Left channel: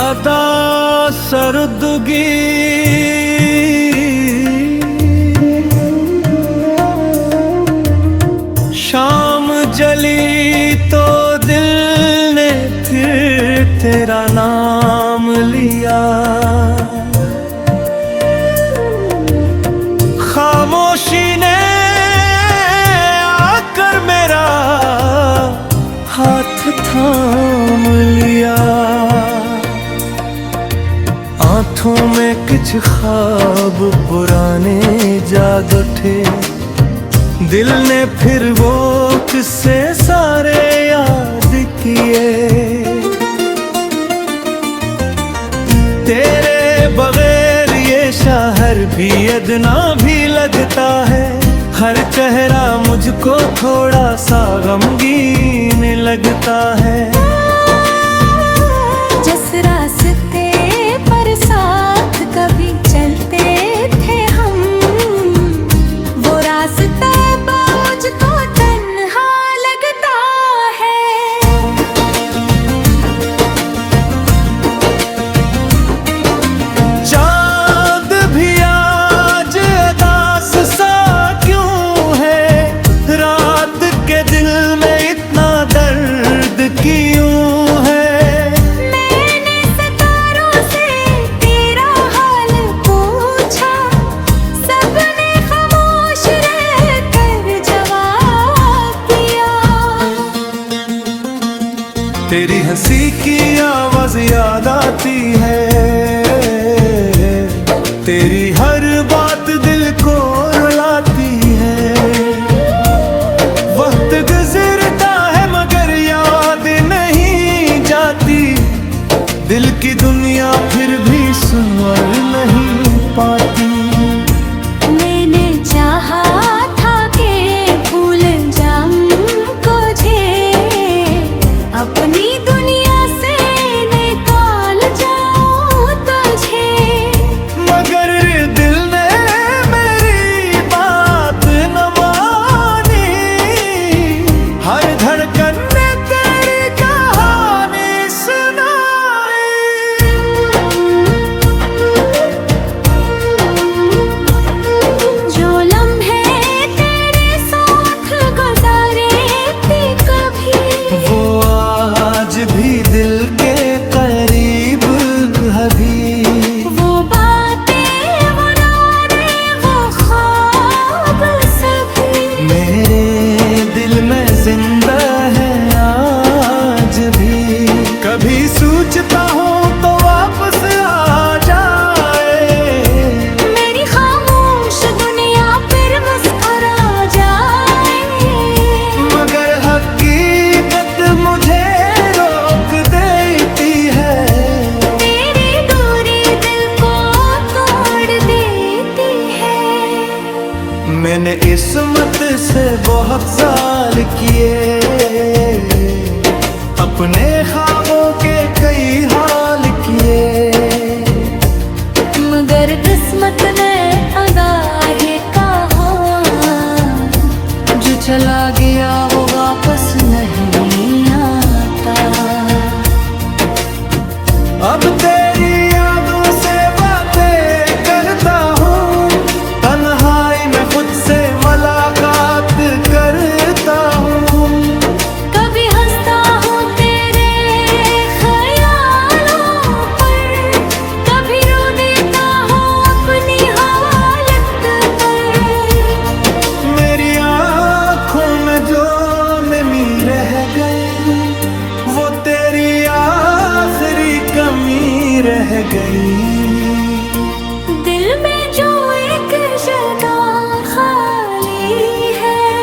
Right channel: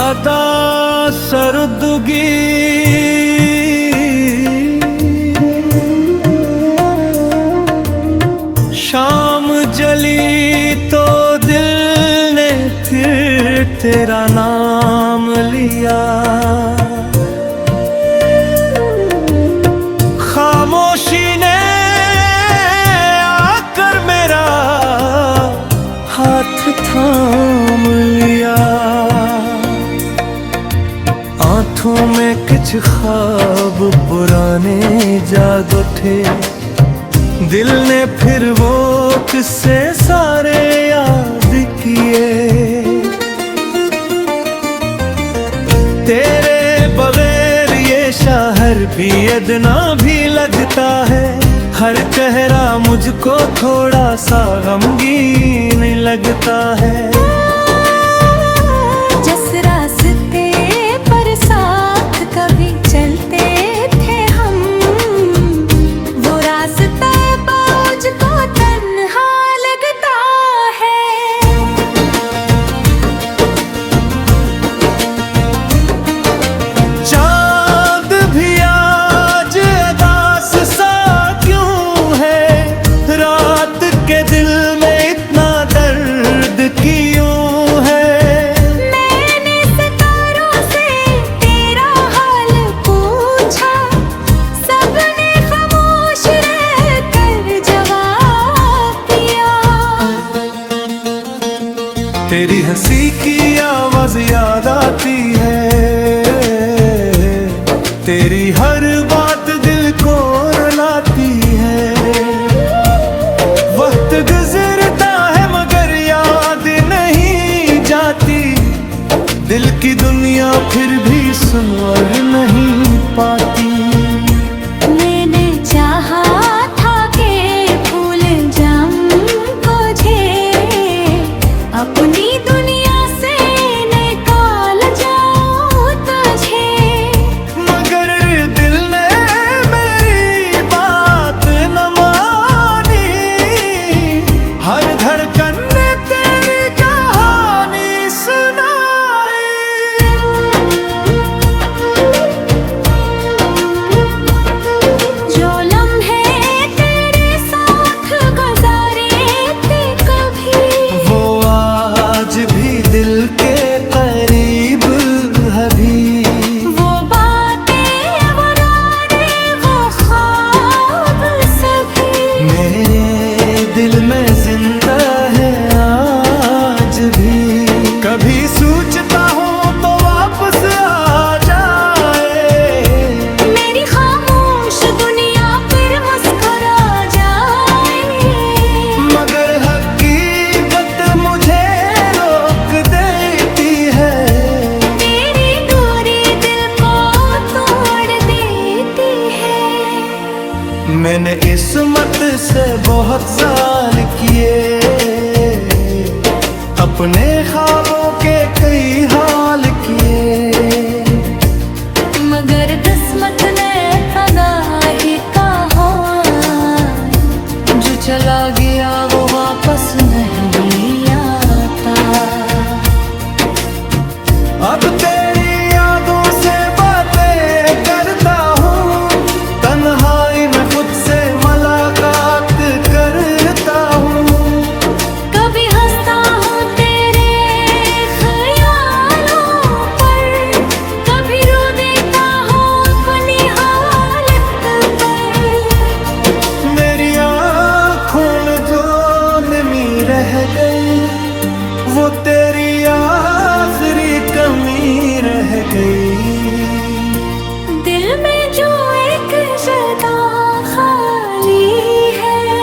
अदा सरदगी शाम जली तो दिल ने फिर तेरा नाम लिया। खामोशी ने आकर मेरा हाथ थाम लिया। आँखों में कुछ ख्वाब पुराने जाग उठे, दिल ने फिर वो किस्से सारे याद किए। तेरे बगैर ये शहर भी अदना भी लगता है, हर चेहरा मुझको थोड़ा सा गमगीन लगता है। जिस रास्ते पर साथ कभी चलते थे हम, वो रास्ता मुझको तन्हा लगता है। चांद भी आज उदास सा क्यों है, रात के दिल में इतना दर्द क्यों है। मैंने सितारों से तेरा हाल पूछा, सबने खामोश रहकर जवाब दिया। तेरी हंसी की आवाज याद आती है, तेरी हर बात दिल को रुलाती है। वक्त गुजरता है मगर याद नहीं जाती, दिल की दुनिया फिर भी सुनवर नहीं पाती। मैंने चाहा था कि भूल जाऊं तुझे, अपनी दुनिया से निकाल जाऊं तुझे, मगर दिल ने मेरी बात न मानी। हर धड़कन ने तेरी कहानी सुनाई। जो लम्हे तेरे साथ गुजारे थे कभी, वो आज भी दिल के करीब अभी। वो बातें वो रातें वो ख्वाब सभी मेरे दिल में जिंदा है आज भी। कभी सोचता हूँ तो वापस आ जाए, मेरी खामोश दुनिया फिर मुस्कुरा जाए। मगर हकीकत मुझे रोक देती है। तेरी दूरी दिल को तोड़ देती है। मैंने इस्मत से बहुत जाल किए, अपने ख्वाबों के कई हाल किए, मगर किस्मत ने अदा है कहा, जो चला गया वो वापस नहीं आता। अब तेरी यादों से बातें करता हूँ, तन्हाई में खुद से मुलाकात करता हूँ। कभी हंसता हूँ तेरे ख्यालों पर, कभी रो देता हूँ अपनी हालत पर। मेरी आँखों में जो नमी रह गई, वो तेरी आखिरी कमी रह गई। दिल में जो एक जगह खाली है,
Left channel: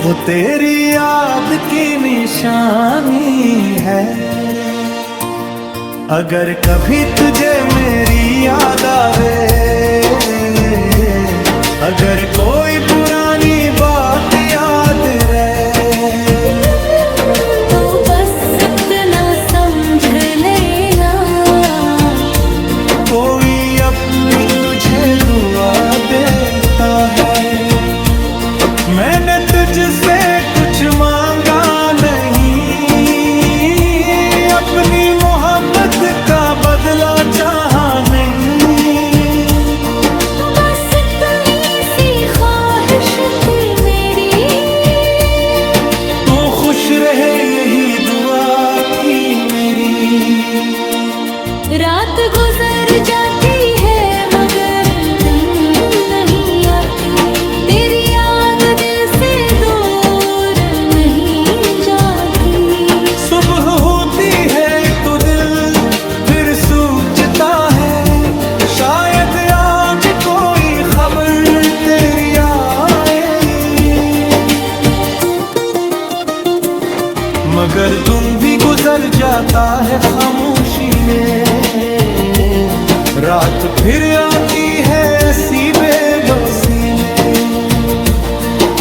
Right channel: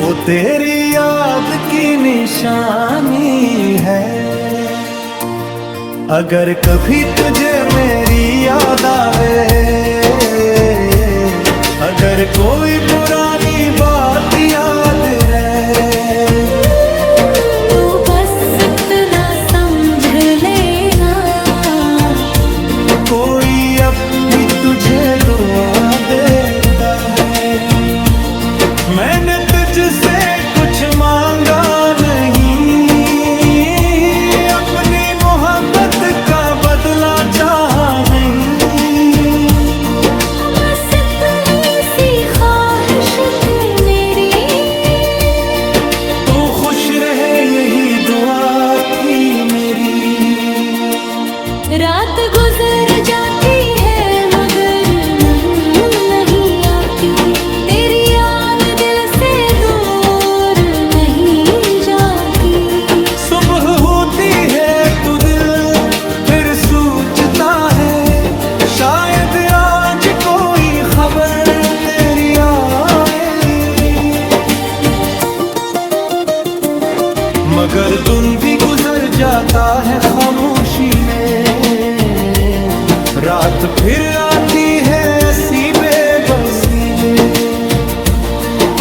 वो तेरी याद की निशानी है। अगर कभी तुझे मेरी याद आवे, अगर कोई पुरानी बात याद रहे, तो बस इतना समझ लेना, कोई अब भी तुझे दुआ देता है। मैंने तुझसे कुछ मांगा नहीं, अपनी मोहब्बत का बदला चाहा नहीं, बस इतनी सी ख्वाहिश थी मेरी। तू खुश रहे यही दुआ थी मेरी। रात गुजर जाती है मगर नहीं आती, तेरी याद दिल से दूर नहीं जाती। सुबह होती है तो दिल फिर सोचता है, शायद आज कोई खबर तेरी आए। मगर दिन भी गुजर जाता है खामोशी में, रात फिर आती है ऐसी बेबसी में।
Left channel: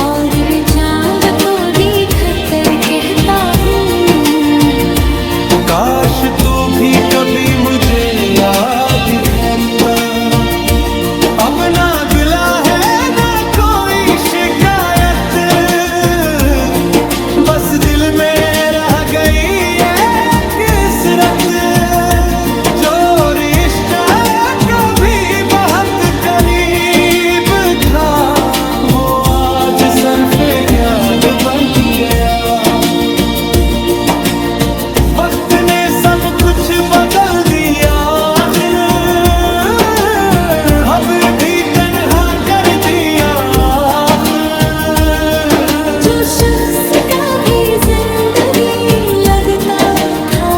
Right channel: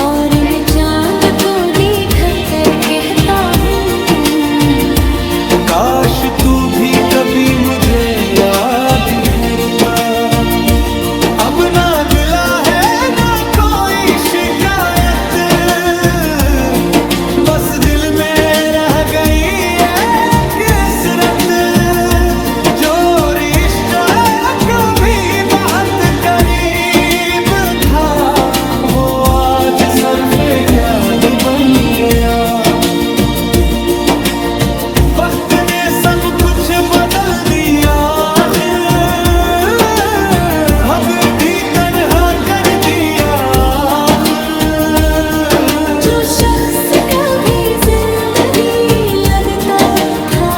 और मैं चांद को देख कर कहता हूँ, काश तू भी कभी मुझे याद करता। अब ना गिला है ना कोई शिकायत, बस दिल में रह गई एक कसरत। जो रिश्ता कभी बहुत करीब था, वो आज सरफे क्याद बन गया। वक्त ने सब कुछ बदल दिया, अब भी तन्हा कर दिया। जो शख्स कभी जिंदगी लगता था,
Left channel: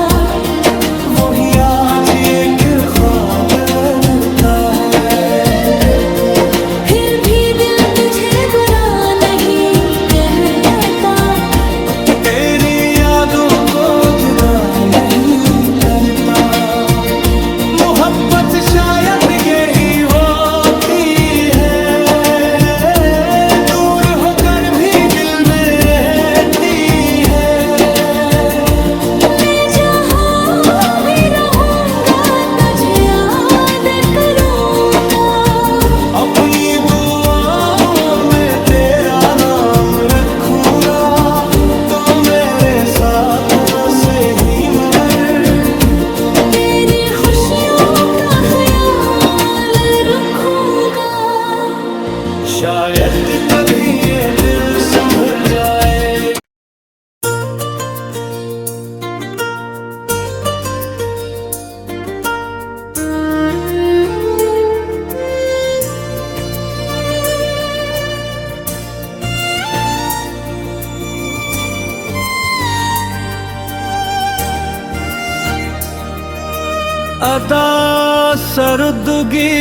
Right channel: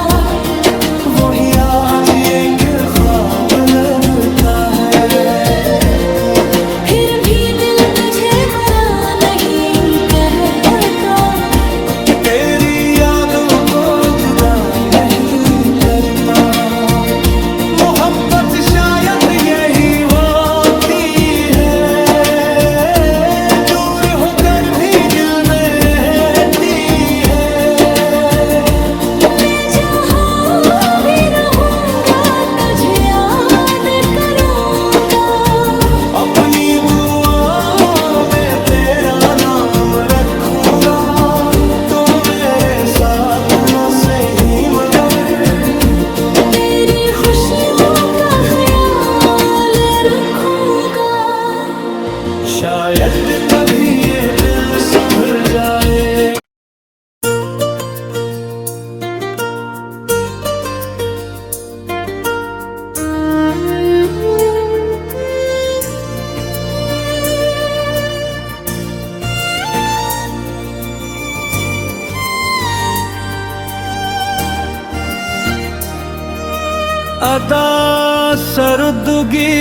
वही आज एक ख्वाब लगता है। फिर भी दिल तुझे बुरा नहीं कहता, तेरी यादों को जुदा नहीं करता। मोहब्बत शायद यही होती है, दूर होकर भी दिल में रहती है। मैं जहाँ भी रहूँगा तुझे याद करूँगा, अपनी दुआओं में तेरा नाम रखूंगा। तो मेरे साथ न सही मगर तेरी खुशियों का ख्याल रखूँगा। शायद कभी ये दिल संभल जाए। अदा सरदगी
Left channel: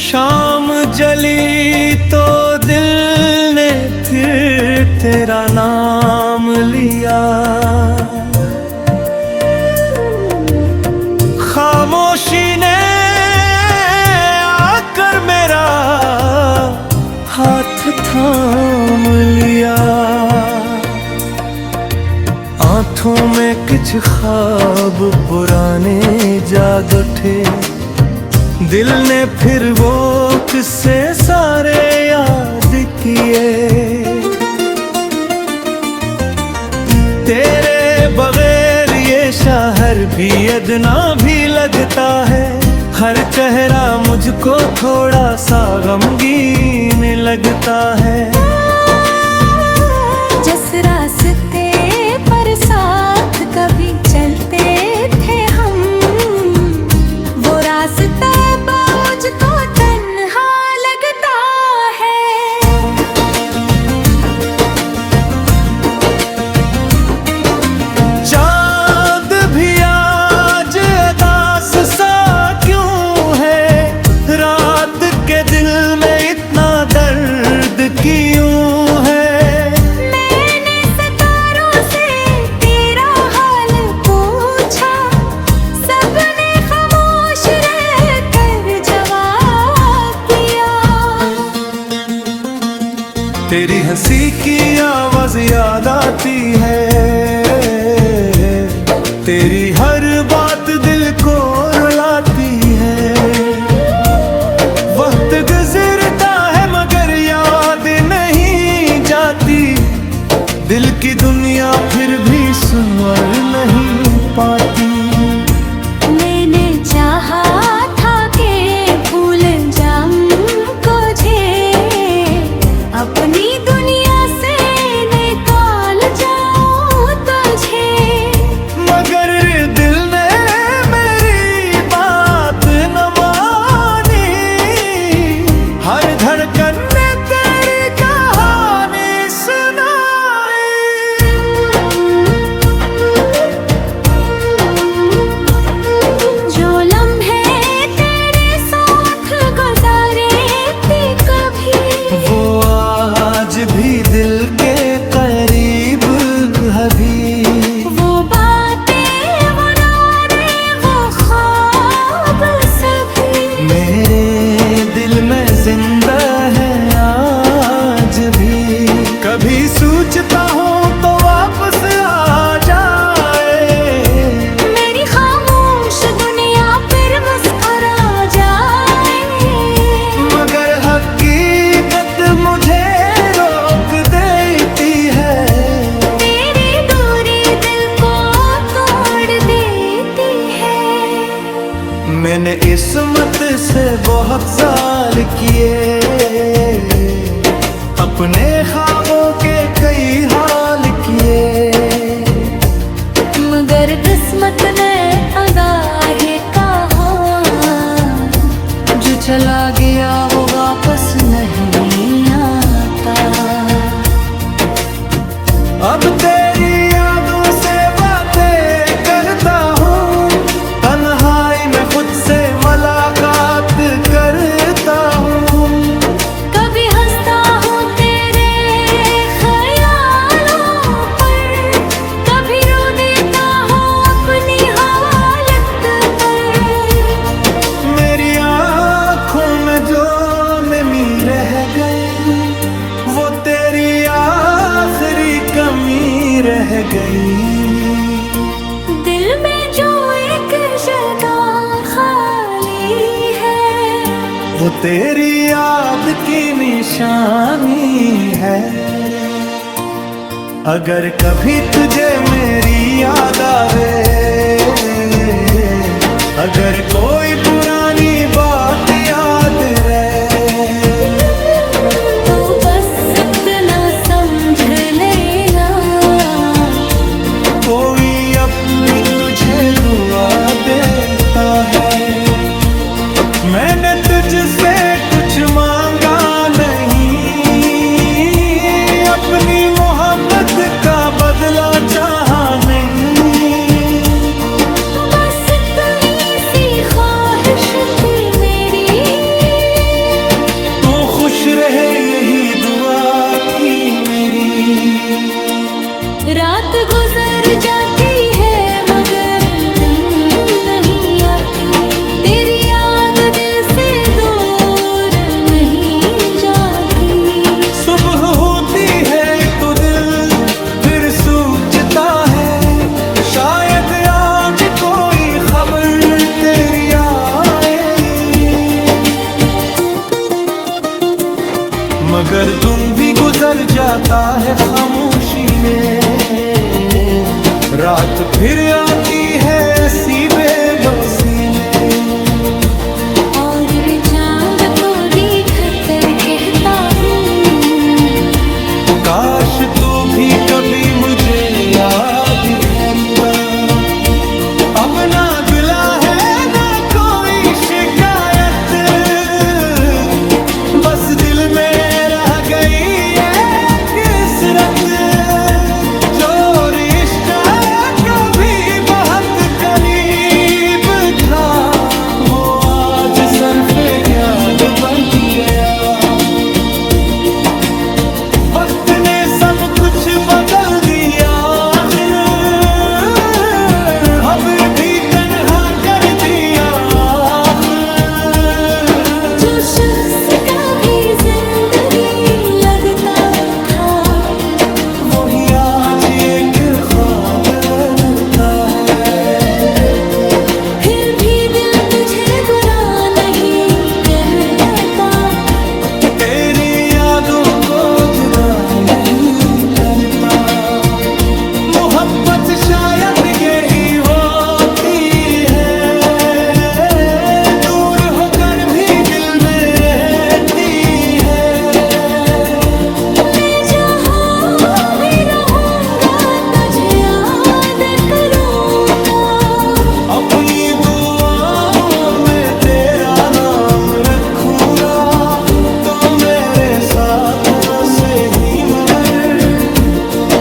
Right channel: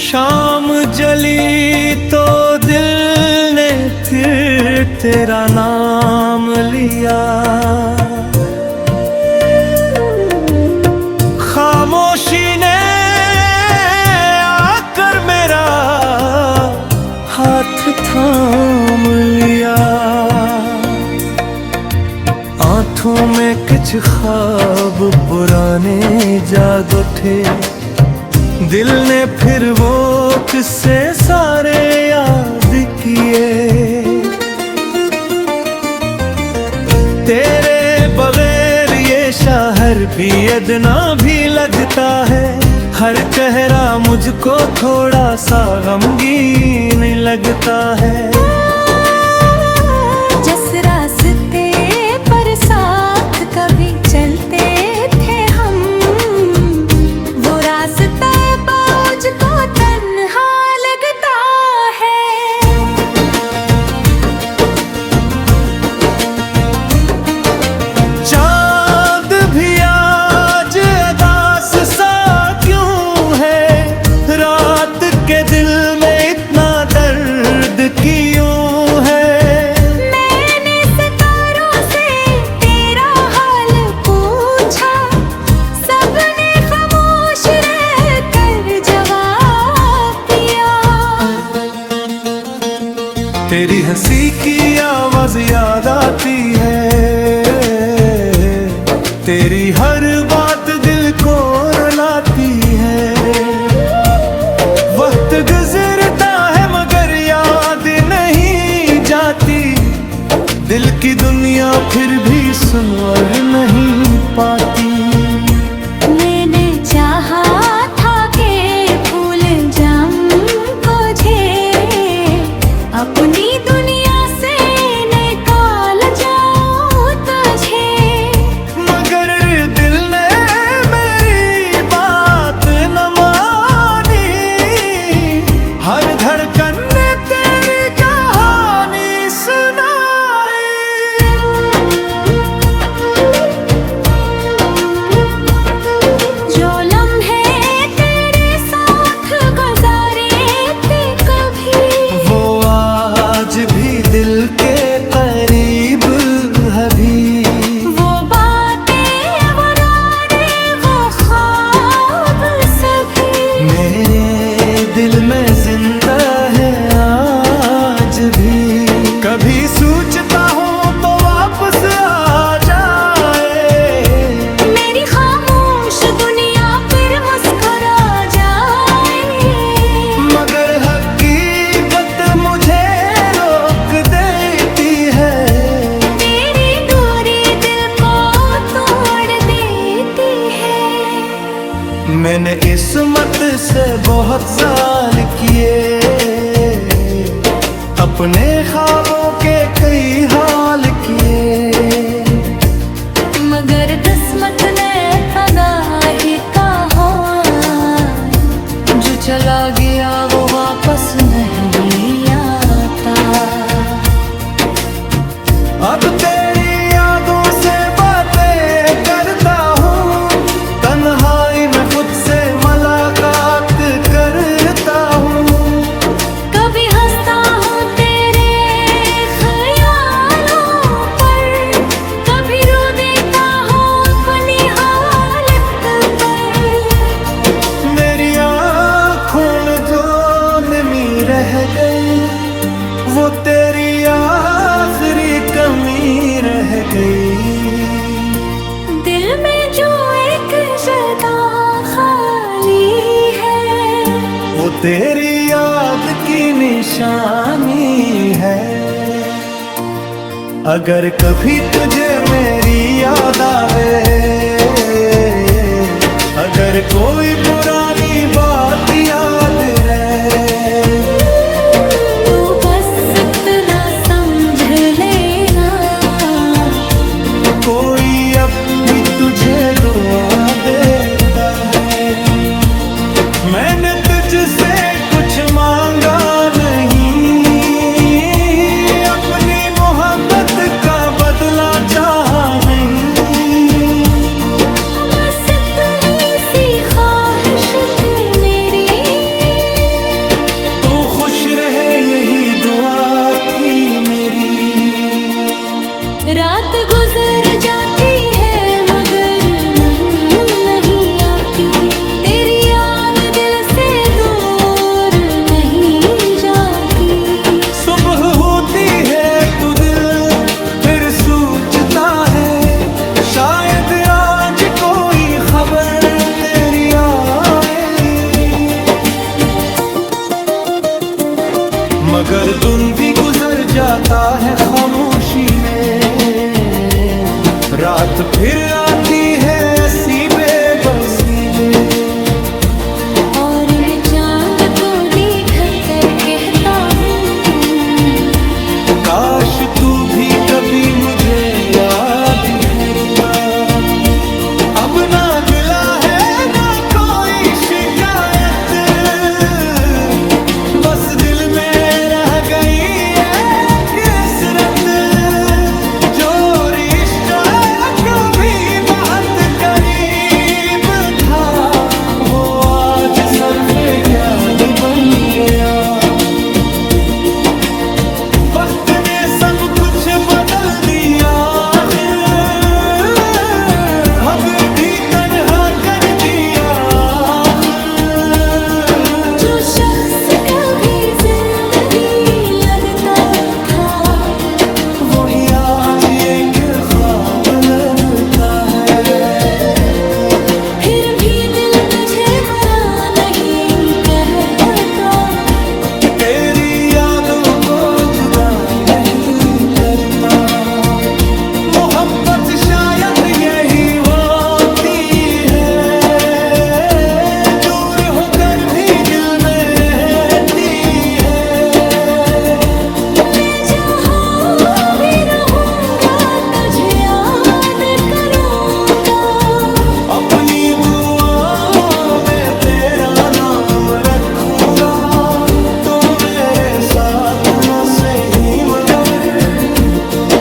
शाम जली तो दिल ने फिर तेरा नाम लिया। खामोशी ने आकर मेरा हाथ थाम लिया। आँखों में कुछ ख्वाब पुराने जाग उठे, दिल ने फिर वो किस्से सारे याद किए। तेरे बगैर ये शहर भी अदना भी लगता है, हर चेहरा मुझको थोड़ा सा गमगीन लगता है। जिस रास्ते पर साथ कभी चलते थे हम, वो रास्ता मुझको तन्हा लगता है। चांद भी आज उदास सा क्यों है, रात के दिल में इतना दर्द क्यों है। तेरी हंसी की आवाज याद आती है, तेरी हर बात दिल को रुलाती है। वक्त गुजरता है मगर याद नहीं जाती, दिल की दुनिया फिर भी सुनवर नहीं पाती। मैंने चाहा था कि भूल जाऊं तुझे, अपनी दुनिया से निकाल जाऊं तुझे, मगर दिल ने मेरी बात न मानी। हर धड़कन ने तेरी कहानी सुनाई। जो लम्हे तेरे साथ गुजारे थे कभी, वो आज भी दिल के करीब अभी। वो बातें वो रातें वो ख्वाब सभी, मेरे दिल में जिंदा है आज भी। कभी सोचता हूँ तो वापस आ जाए, मेरी खामोश दुनिया फिर मुस्कुरा जाए, मगर हकीकत मुझे रोक देती है। तेरी दूरी दिल को तोड़ देती है। मैंने इस्मत से बहुत जाल किए, अपने ख्वाबों के कई हाल किए, मगर किस्मत ने अदा है कहा, जो चला गया वो वापस नहीं आता। अब तेरी यादों से बातें करता हूँ, तन्हाई में खुद से मुलाकात करता हूँ। कभी हंसता हूँ तेरे ख्यालों पर, कभी रो देता हूँ अपनी हालत पर। मेरी आँखों में जो नमी रह गई, वो तेरी आखिरी कमी रह गई। दिल में जो एक जगह खाली है, वो तेरी याद की निशानी है। अगर कभी तुझे मेरी याद आवे, अगर कोई पुरानी बात याद रहे, तो बस इतना समझ लेना, कोई अब भी तुझे दुआ देता है। मैंने तुझसे कुछ मांगा नहीं, अपनी मोहब्बत का बदला चाहा नहीं। बस इतनी सी ख्वाहिश थी मेरी, तू खुश रहे यही दुआ थी मेरी। रात गुजर जाती है मगर नहीं आती, तेरी याद दिल से दूर नहीं जाती। सुबह होती है तो दिल फिर सोचता है, शायद आज कोई खबर तेरी आए। मगर दिन भी गुजर जाता है खामोशी में, रात फिर आती है ऐसी बेबसी में। और मैं चांद को देख कर कहता हूँ, काश तू भी कभी मुझे याद करता। अब ना गिला है ना कोई शिकायत, बस दिल में रह गई एक कसरत। जो रिश्ता कभी बहुत करीब था, वो आज सरफे क्याद बन गया। वक्त ने सब कुछ बदल दिया, अब भी तन्हा कर दिया। जो शख्स कभी जिंदगी लगता था, वही आज एक ख्वाब लगता है। फिर भी दिल तुझे बुरा नहीं कहता, तेरी यादों को जुदा नहीं कर करता। मोहब्बत शायद यही होती है, दूर होकर भी दिल में रहती है। मैं जहाँ भी रहूँगा तुझे याद करूँगा, अपनी दुआओं में तेरा नाम रखूंगा। तो मेरे साथ न सही मगर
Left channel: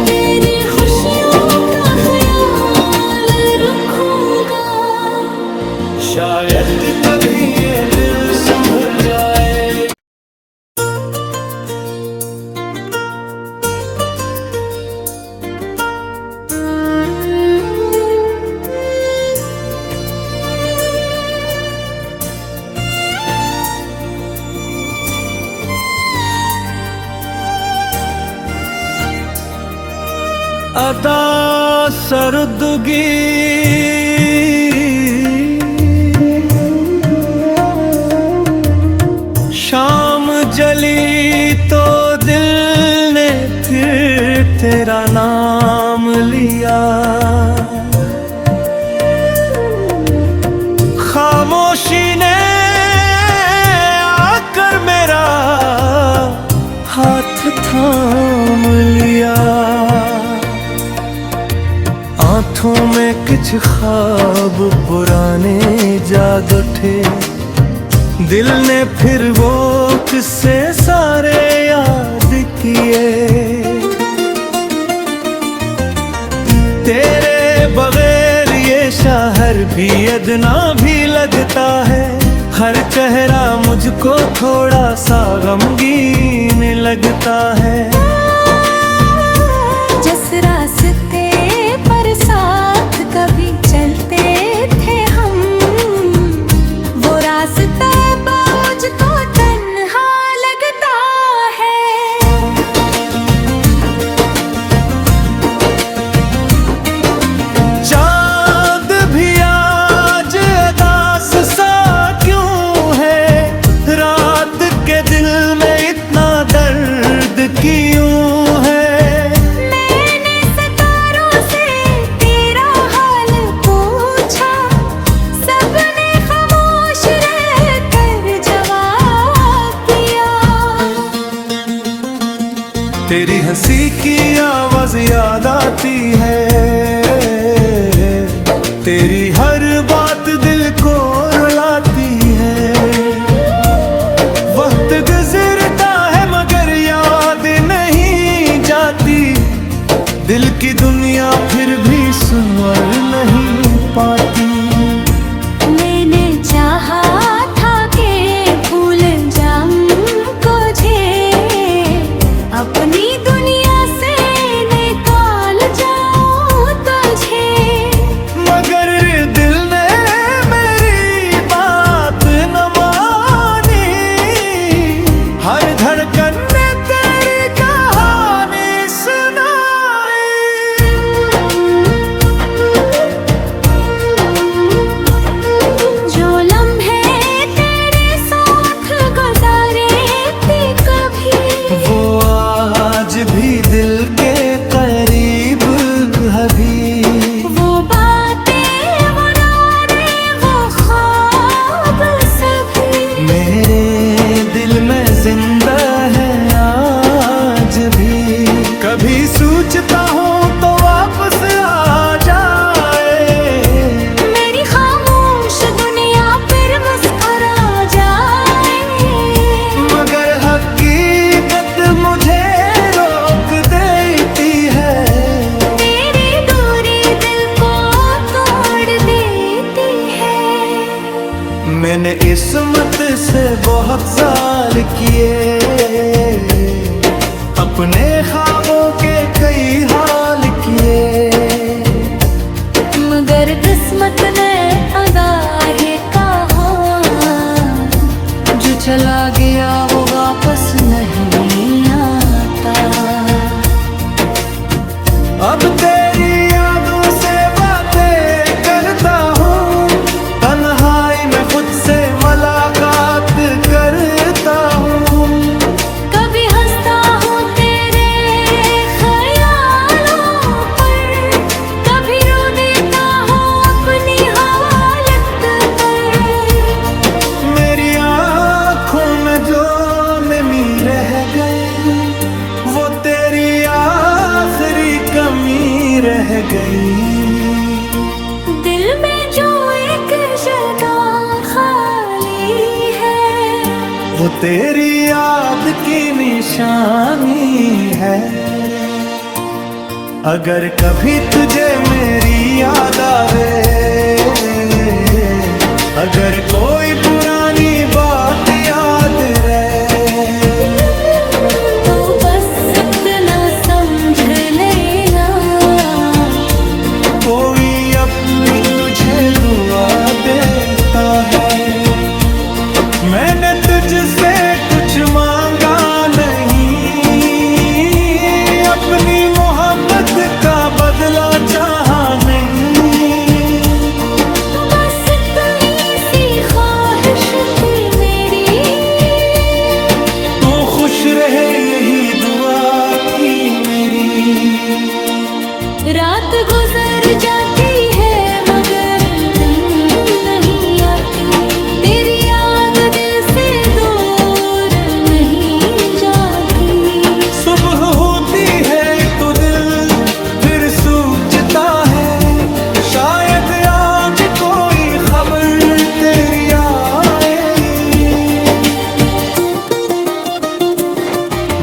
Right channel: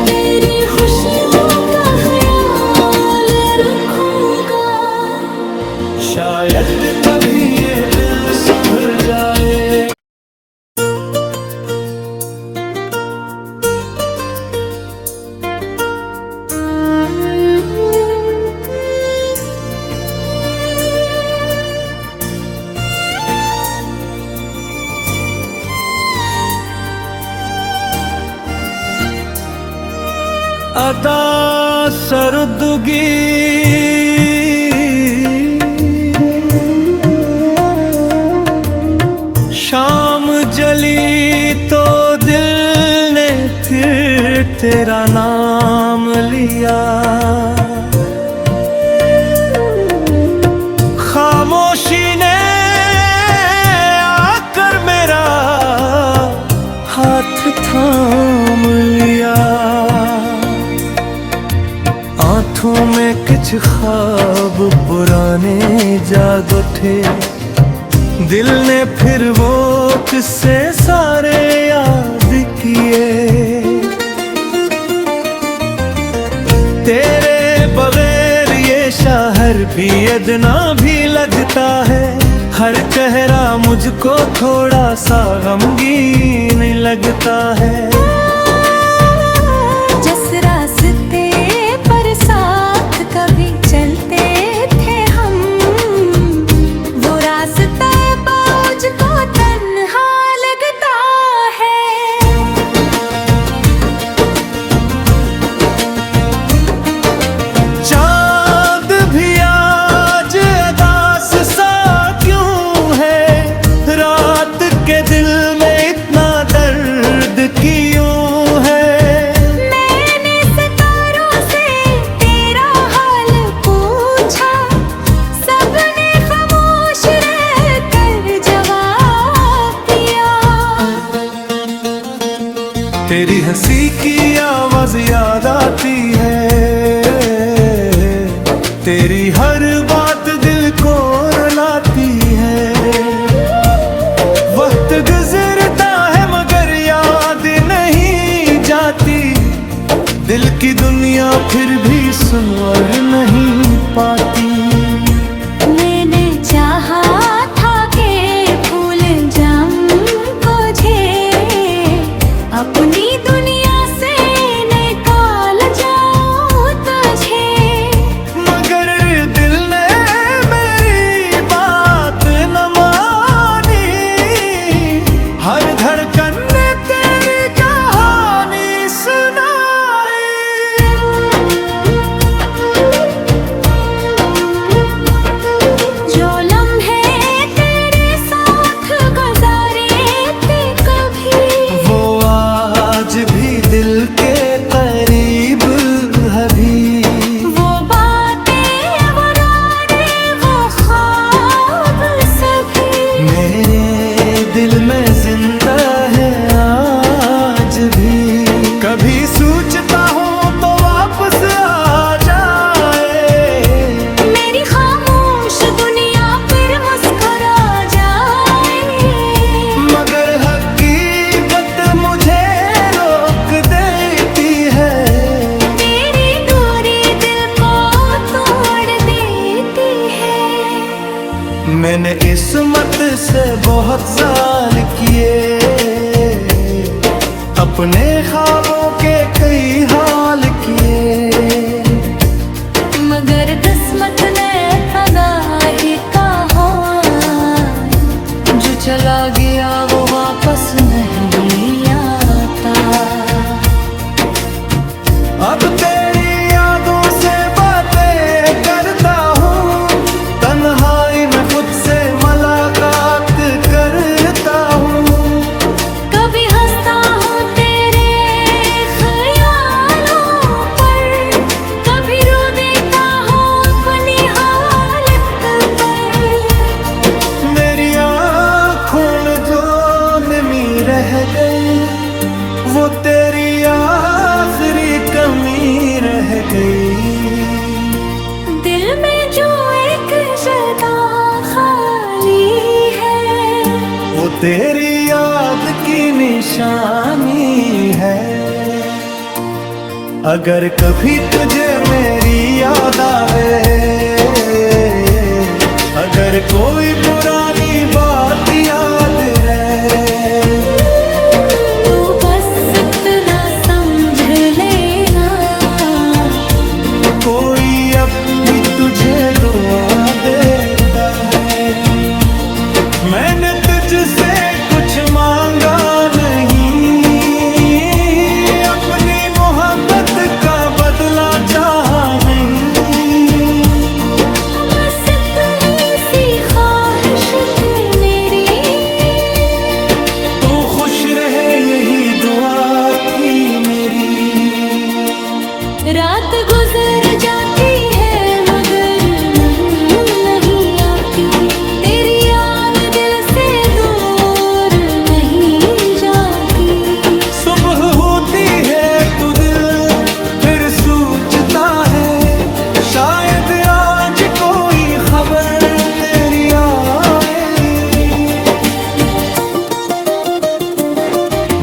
तेरी खुशियों का ख्याल रखूँगा। शायद कभी ये दिल संभल जाए। अदा सरदगी शाम जली तो दिल ने फिर तेरा नाम लिया। खामोशी ने आकर मेरा हाथ थाम लिया। आँखों में कुछ ख्वाब पुराने जाग उठे, दिल ने फिर वो किस्से सारे याद किए। तेरे बगैर ये शहर भी अदना भी लगता है। हर चेहरा मुझको थोड़ा सा गमगीन लगता है। जिस रास्ते पर साथ कभी चलते थे हम, वो रास्ता मुझको तन्हा लगता है। चांद भी आज उदास सा क्यों है, रात के दिल में इतना दर्द क्यों है। तेरी हंसी की आवाज याद आती है, तेरी हर बात दिल को रुलाती है। वक्त गुजरता है मगर याद नहीं जाती, दिल की दुनिया फिर भी सुनवर नहीं पाती। मैंने चाहा था कि भूल जाऊं तुझे, अपनी दुनिया से निकाल जाऊं तुझे, मगर दिल ने मेरी बात न मानी। हर धड़कन ने तेरी कहानी सुनाई। जो लम्हे तेरे साथ गुजारे थे कभी, वो आज भी दिल के करीब अभी। वो बातें वो रातें वो ख्वाब सभी मेरे दिल में जिंदा है आज भी। कभी सोचता हूँ तो वापस आ जाए, मेरी खामोश दुनिया फिर मुस्कुरा जाए। मगर हकीकत मुझे रोक देती है। तेरी दूरी दिल को तोड़ देती है। मैंने इस्मत से बहुत जाल किए, अपने ख्वाबों के कई हाल किए, मगर किस्मत ने अदा है कहा, जो चला गया वो वापस नहीं आता। अब तेरी यादों से बातें करता हूँ, तन्हाई में खुद से मुलाकात करता हूँ। कभी हंसता हूँ तेरे ख्याल जो नमी रह गई, वो तेरी आखिरी कमी रह गई। दिल में जो एक जगह खाली है, वो तेरी याद की निशानी है। अगर कभी तुझे मेरी याद आवे, अगर कोई पुरानी बात याद रहे, तो बस इतना समझ लेना, कोई अब भी तुझे दुआ देता है। मैंने तुझसे कुछ मांगा नहीं, अपनी मोहब्बत का बदला चाहा नहीं। बस इतनी सी ख्वाहिश थी मेरी, तू खुश रहे यही दुआ थी मेरी। रात गुजर जाती है मगर नहीं आती, तेरी याद दिल से दूर नहीं जाती। सुबह होती है तो दिल फिर सोचता है, शायद आज कोई खबर तेरी आए।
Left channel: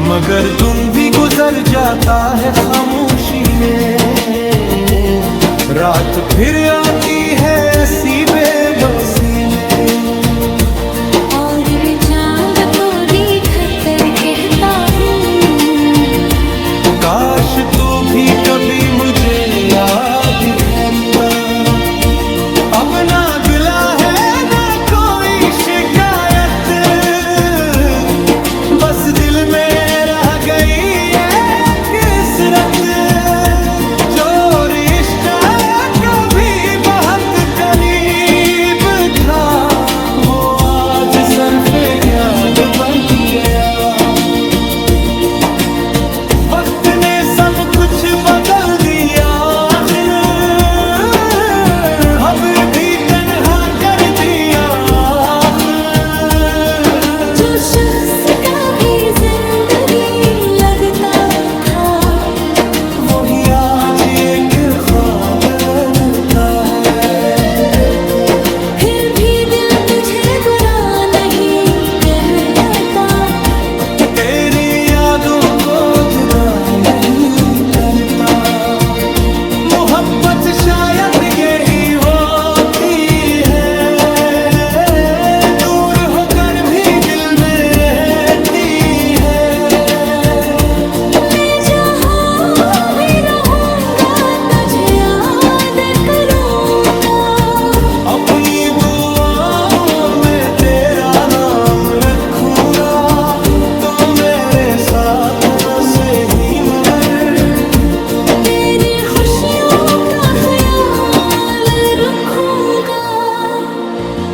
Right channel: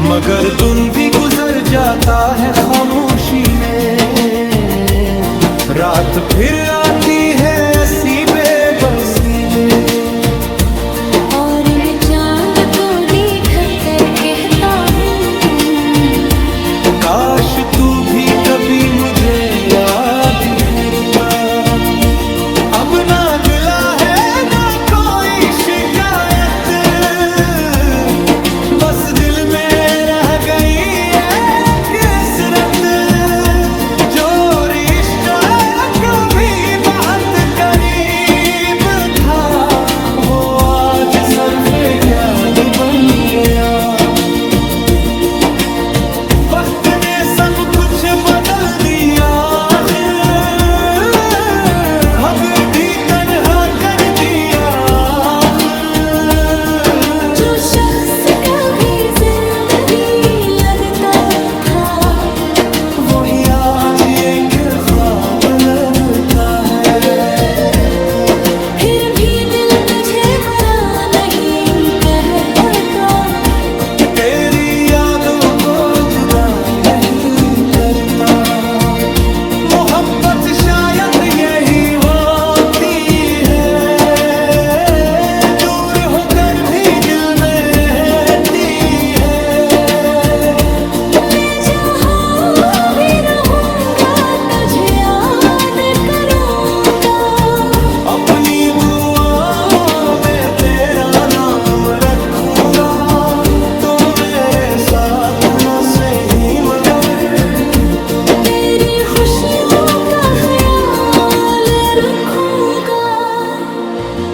मगर दिन भी गुजर जाता है खामोशी में, रात फिर आती है ऐसी बेबसी में। और मैं चांद को देख कर कहता हूँ, काश तू भी कभी मुझे याद करता। अब ना गिला है ना कोई शिकायत, बस दिल में रह गई एक कसरत। जो रिश्ता कभी बहुत करीब था, वो आज सर पे क्याद बन गया। वक्त ने सब कुछ बदल दिया, अब भी तन्हा कर दिया। जो शख्स कभी जिंदगी लगता था, वही आज एक ख्वाब लगता है। फिर भी दिल तुझे बुरा नहीं कहता, तेरी यादों को जुदा नहीं करता। मोहब्बत शायद यही होती है, दूर होकर भी दिल में रहती है। मैं जहाँ भी रहूँगा तुझे याद करूँगा, अपनी दुआओं में तेरा नाम रखूंगा। तो मेरे साथ न सही मगर तेरी खुशियों का ख्याल रखूँगा।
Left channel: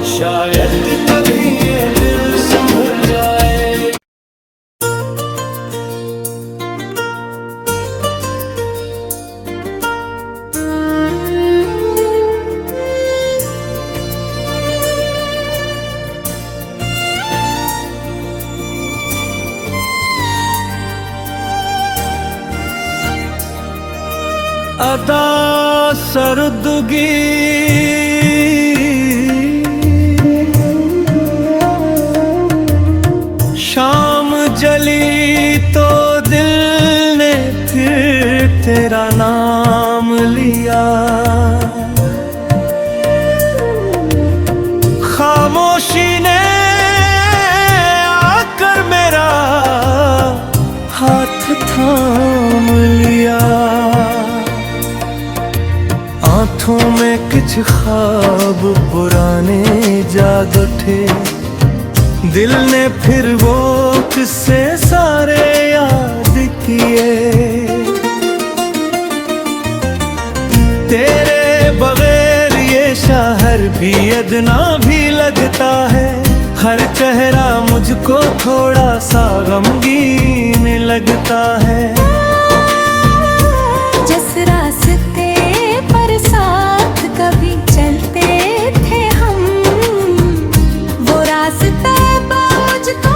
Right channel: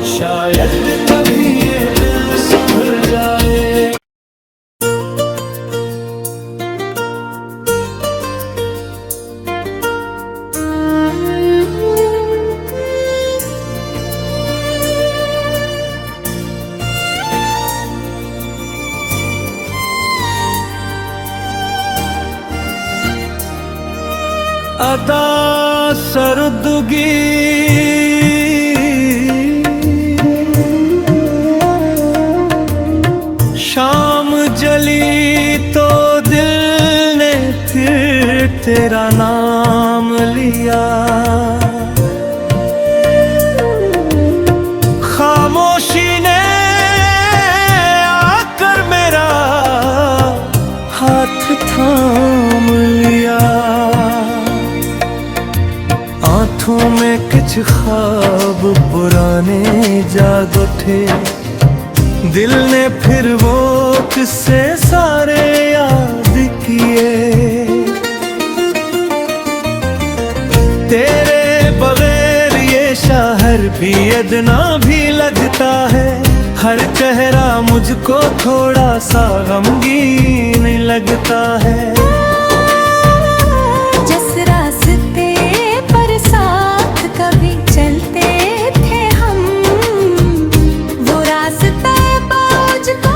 शायद कभी ये दिल संभल जाए। अदा सरदगी शाम जली तो दिल ने फिर तेरा नाम लिया। खामोशी ने आकर मेरा हाथ थाम लिया। आँखों में कुछ ख्वाब पुराने जाग उठे, दिल ने फिर वो किस्से सारे याद किए। तेरे बगैर ये शहर भी अदना भी लगता है, हर चेहरा मुझको थोड़ा सा गमगीन लगता है। जिस रास्ते पर साथ कभी चलते थे हम, वो रास्ता मुझको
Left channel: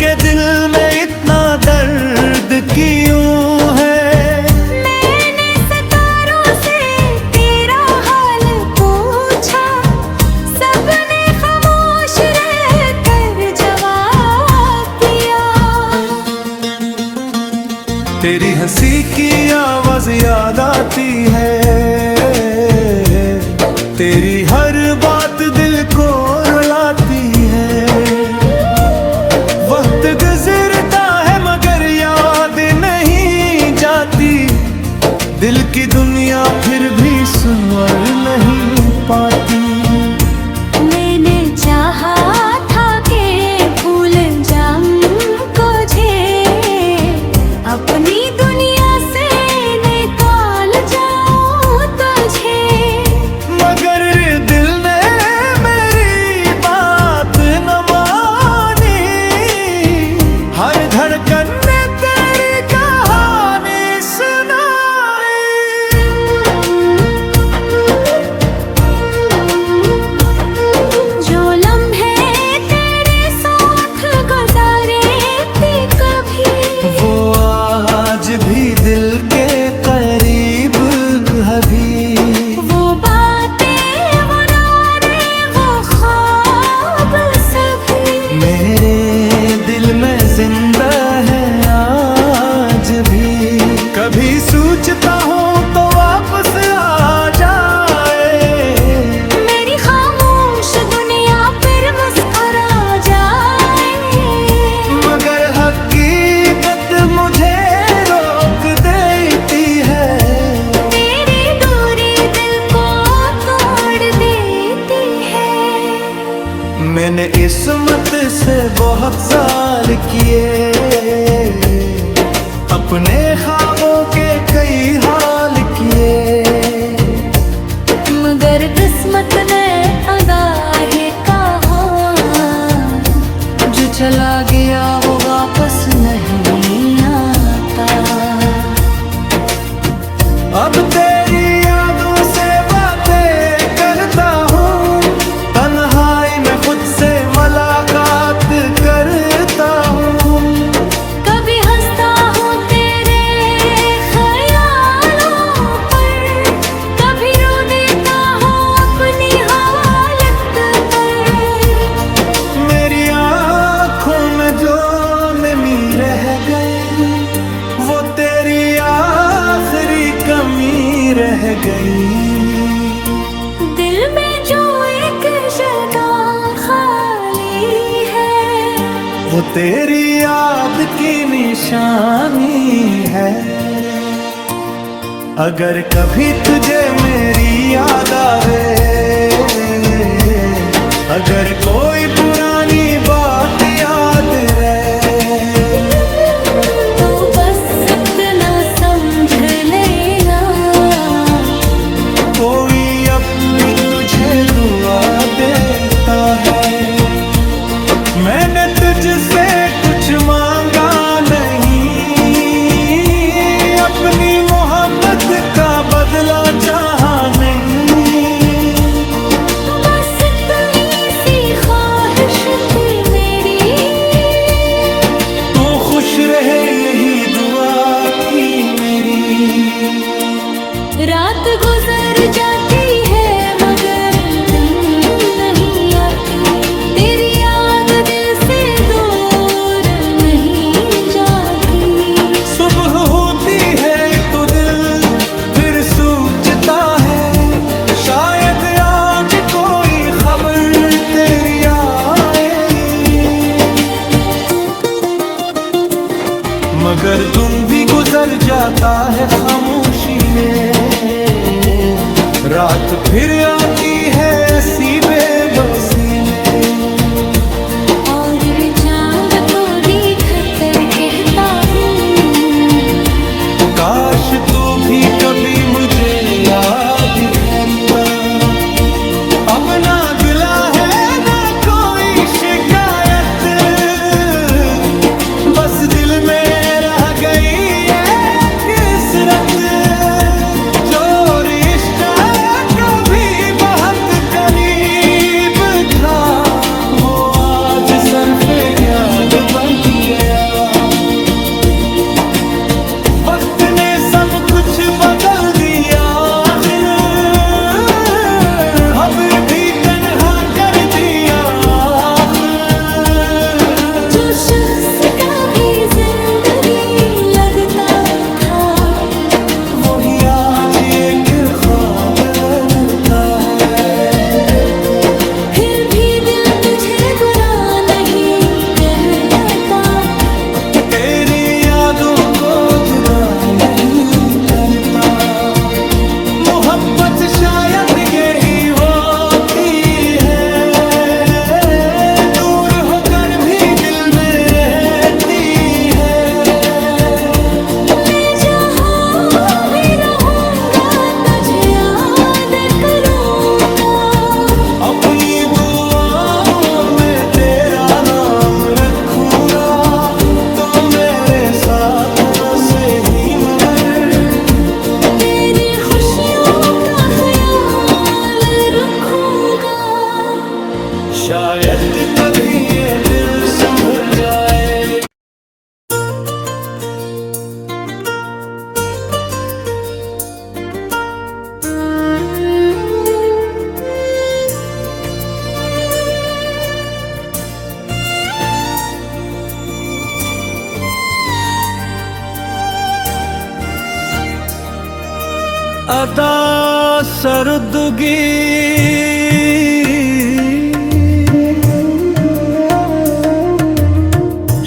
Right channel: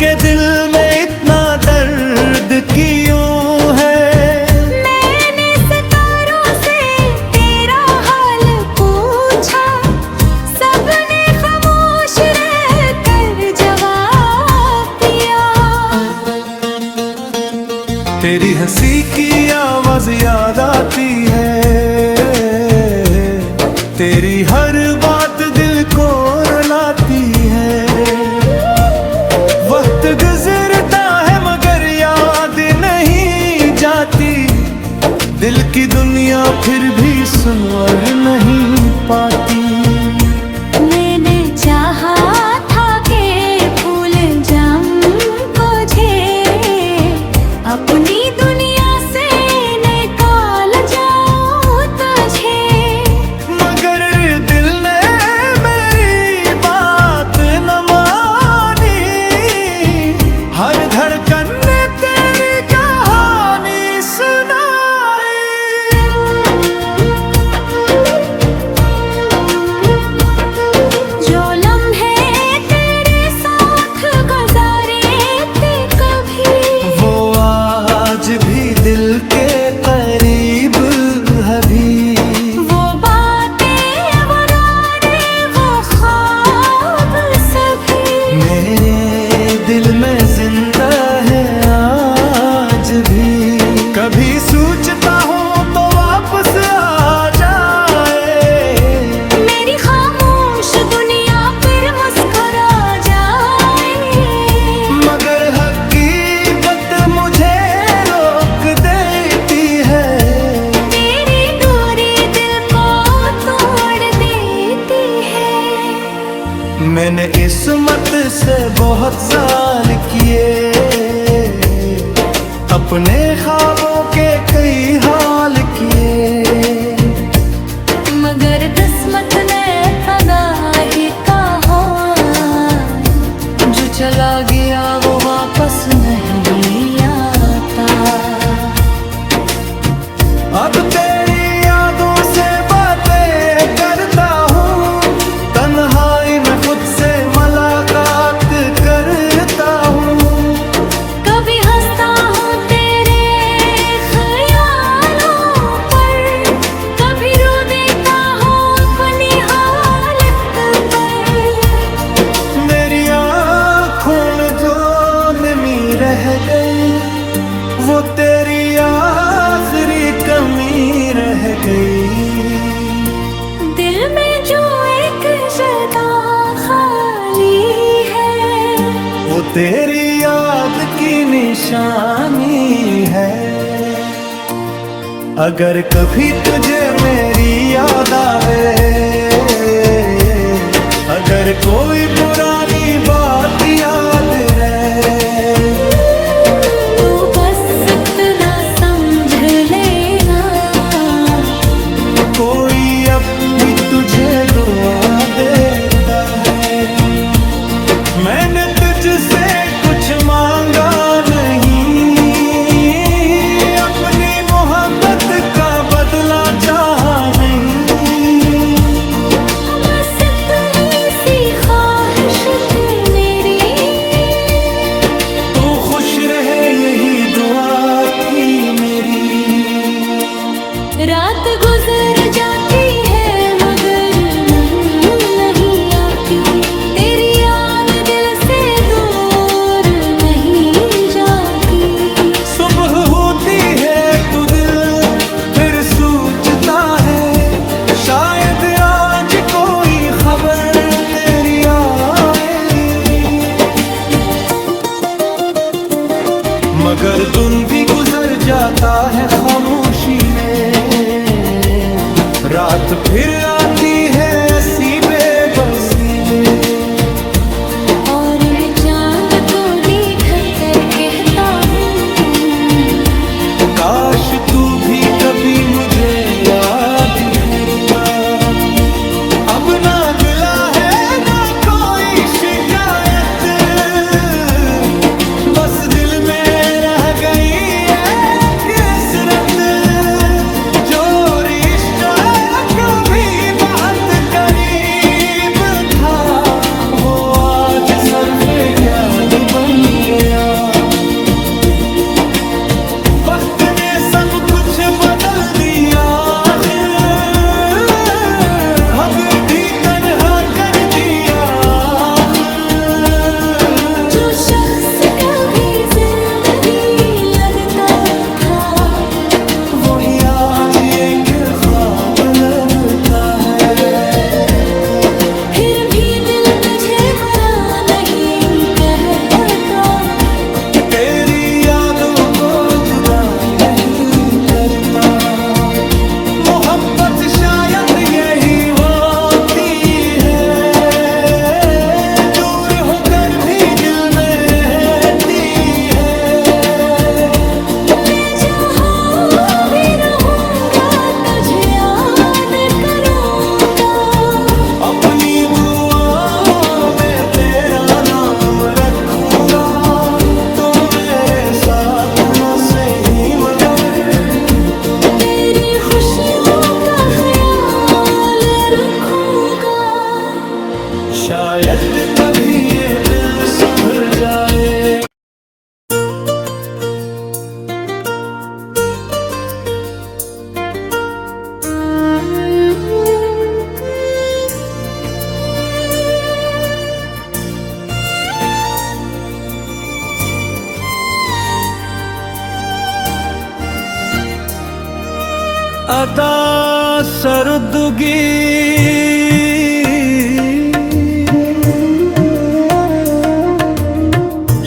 के दिल में इतना दर्द क्यों है? मैंने सितारों से तेरा हाल पूछा, सबने खामोश रहकर जवाब दिया। तेरी हंसी की आवाज याद आती है, तेरी हर बात दिल को रुलाती है। वक्त गुजरता है मगर याद नहीं जाती, दिल की दुनिया फिर भी सुनवर नहीं पाती। मैंने चाहा था कि भूल जाऊं तुझे, अपनी दुनिया से निकाल जाऊं तुझे, मगर दिल ने मेरी बात न मानी। हर धड़कन ने तेरी कहानी सुनाई। जो लम्हे तेरे साथ गुजारे थे कभी, वो आज भी दिल के करीब अभी। वो बातें वो रातें वो ख्वाब सभी, मेरे दिल में जिंदा है आज भी। कभी सोचता हूँ तो वापस आ जाए, मेरी खामोश दुनिया फिर मुस्कुरा जाए, मगर हकीकत मुझे रोक देती है। तेरी दूरी दिल को तोड़ देती है। मैंने इस्मत से बहुत जाल किए, अपने ख्वाबों के कई हाल किए, मगर किस्मत ने अदा है कहा, जो चला गया वो वापस नहीं आता। अब तेरी यादों से बातें करता हूँ, तन्हाई में खुद से मुलाकात करता हूँ। कभी हंसता हूँ तेरे ख्यालों पर, कभी रो देता हूँ अपनी हालत पर। मेरी आँखों में जो नमी रह गई, वो तेरी आखिरी कमी रह गई। दिल में जो एक जगह खाली है, वो तेरी याद की निशानी है। अगर कभी तुझे मेरी याद आवे, अगर कोई पुरानी बात याद रहे, तो बस इतना समझ लेना, कोई अब भी तुझे दुआ देता है। मैंने तुझसे कुछ मांगा नहीं, अपनी मोहब्बत का बदला चाहा नहीं। बस इतनी सी ख्वाहिश थी मेरी, तू खुश रहे यही दुआ थी मेरी। रात गुजर जाती है मगर नहीं आती, तेरी याद दिल से दूर नहीं जाती। सुबह होती है तो दिल फिर सोचता है, शायद आज कोई खबर तेरी आए। मगर दिन भी गुजर जाता है खामोशी में, रात फिर आती है ऐसी बेबसी में। और मैं चांद को देख कर कहता हूँ, काश तू भी कभी मुझे याद करता। अब ना गिला है ना कोई शिकायत, बस दिल में रह गई एक किसरत। जो रिश्ता कभी बहुत करीब था, वो आज तरफे क्या बन गया। वक्त ने सब कुछ बदल दिया, अब भी तन्हा कर दिया। जो शख्स कभी जिंदगी लगता था, वही आज एक ख्वाब लगता है। फिर भी दिल तुझे बुरा नहीं कहता, तेरी यादों को जुदा नहीं करता। मोहब्बत शायद यही होती है, दूर होकर भी दिल में रहती है। मैं जहाँ भी रहूँगा तुझे याद करूँगा, अपनी दुआओं में तेरा नाम रखूंगा। तो मेरे साथ न सही मगर तेरी खुशियों का ख्याल रखूँगा। शायद कभी ये दिल संभल जाए। अदा सरदगी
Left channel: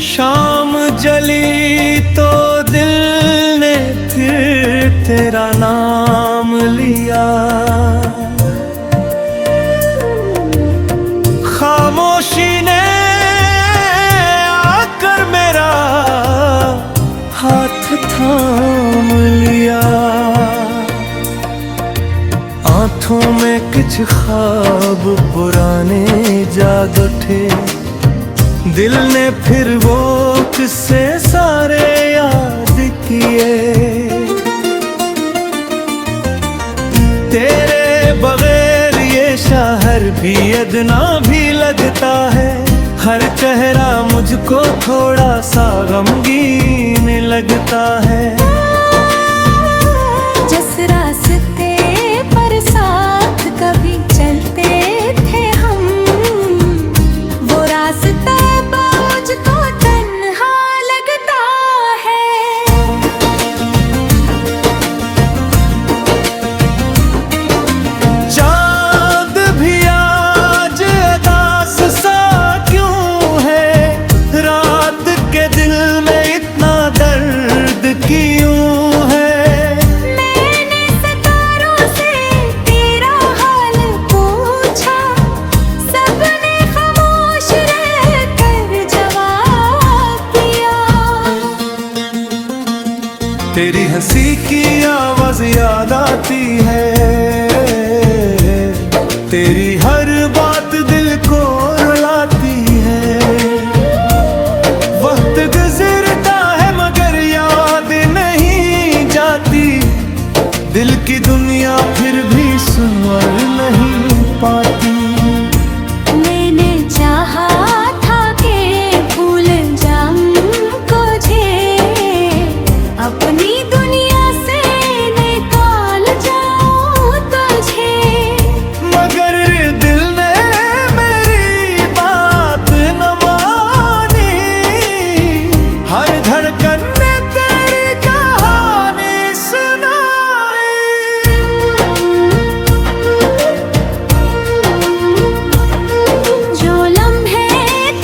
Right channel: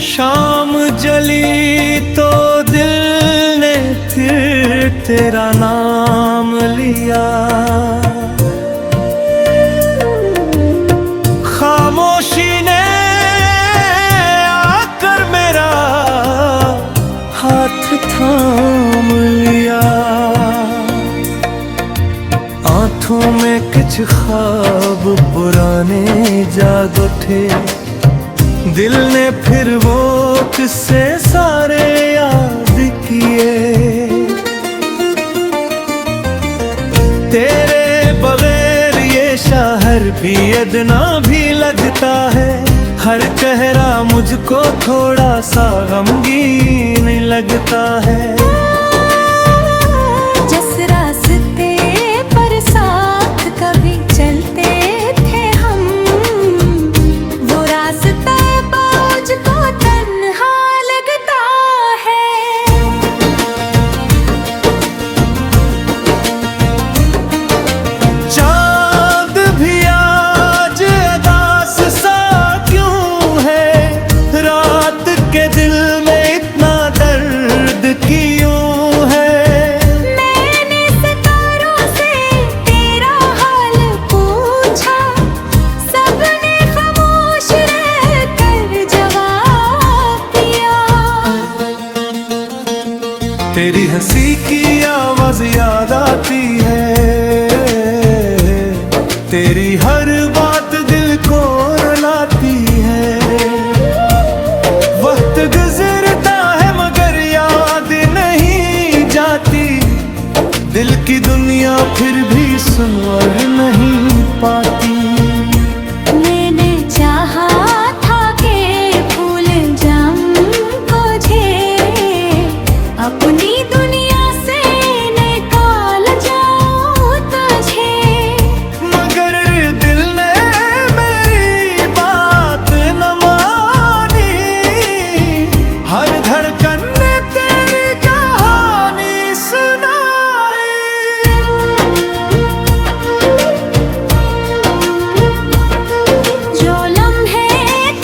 शाम जली तो दिल ने फिर तेरा नाम लिया। खामोशी ने आकर मेरा हाथ थाम लिया। आँखों में कुछ ख्वाब पुराने जाग उठे, दिल ने फिर वो किस्से सारे याद किए। तेरे बगैर ये शहर भी अदना भी लगता है। हर चेहरा मुझको थोड़ा सा गमगीन लगता है। जिस रास्ते पर साथ कभी चलते थे हम, वो रास्ता मुझको तन्हा लगता है। चांद भी आज उदास सा क्यों है, रात के दिल में इतना दर्द क्यों है। तेरी हंसी की आवाज याद आती है, तेरी हर बात दिल को रुलाती है। वक्त गुजरता है मगर याद नहीं जाती, दिल की दुनिया फिर भी सुनवर नहीं पाती। मैंने चाहा था कि भूल जाऊं तुझे, अपनी दुनिया से निकाल जाऊं तुझे, मगर दिल ने मेरी बात न मानी। हर धड़कन ने तेरी कहानी सुनाई। जो लम्हे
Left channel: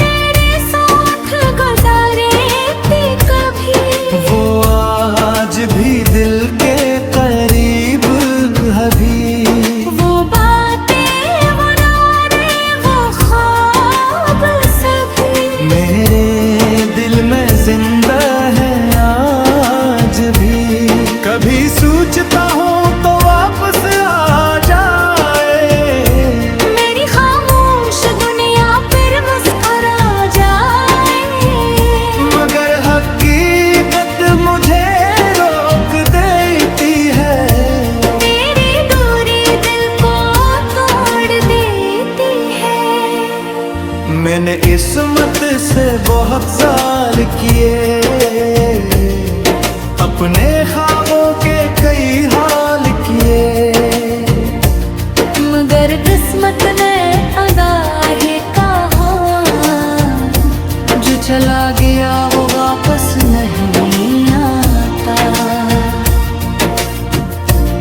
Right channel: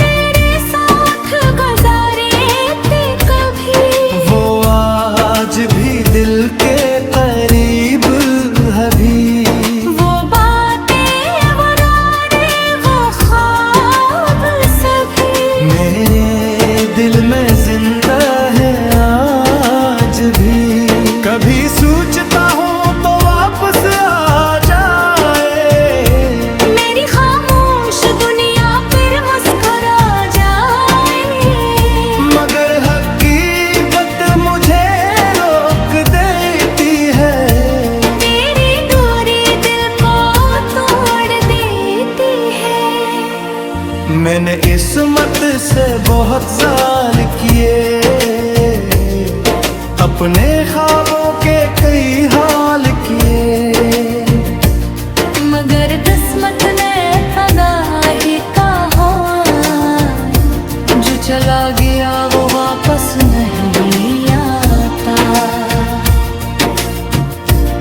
तेरे साथ गुजारे थे कभी, वो आज भी दिल के करीब अभी। वो बातें वो रातें वो ख्वाब सभी मेरे दिल में जिंदा है आज भी। कभी सोचता हूँ तो वापस आ जाए, मेरी खामोश दुनिया फिर मुस्कुरा जाए। मगर हकीकत मुझे रोक देती है। तेरी दूरी दिल को तोड़ देती है। मैंने मैंने इस्मत से बहुत ज़ाल किए, अपने ख्वाबों के कई हाल किए, मगर किस्मत ने अदा है कहा, जो चला गया वो वापस नहीं आता।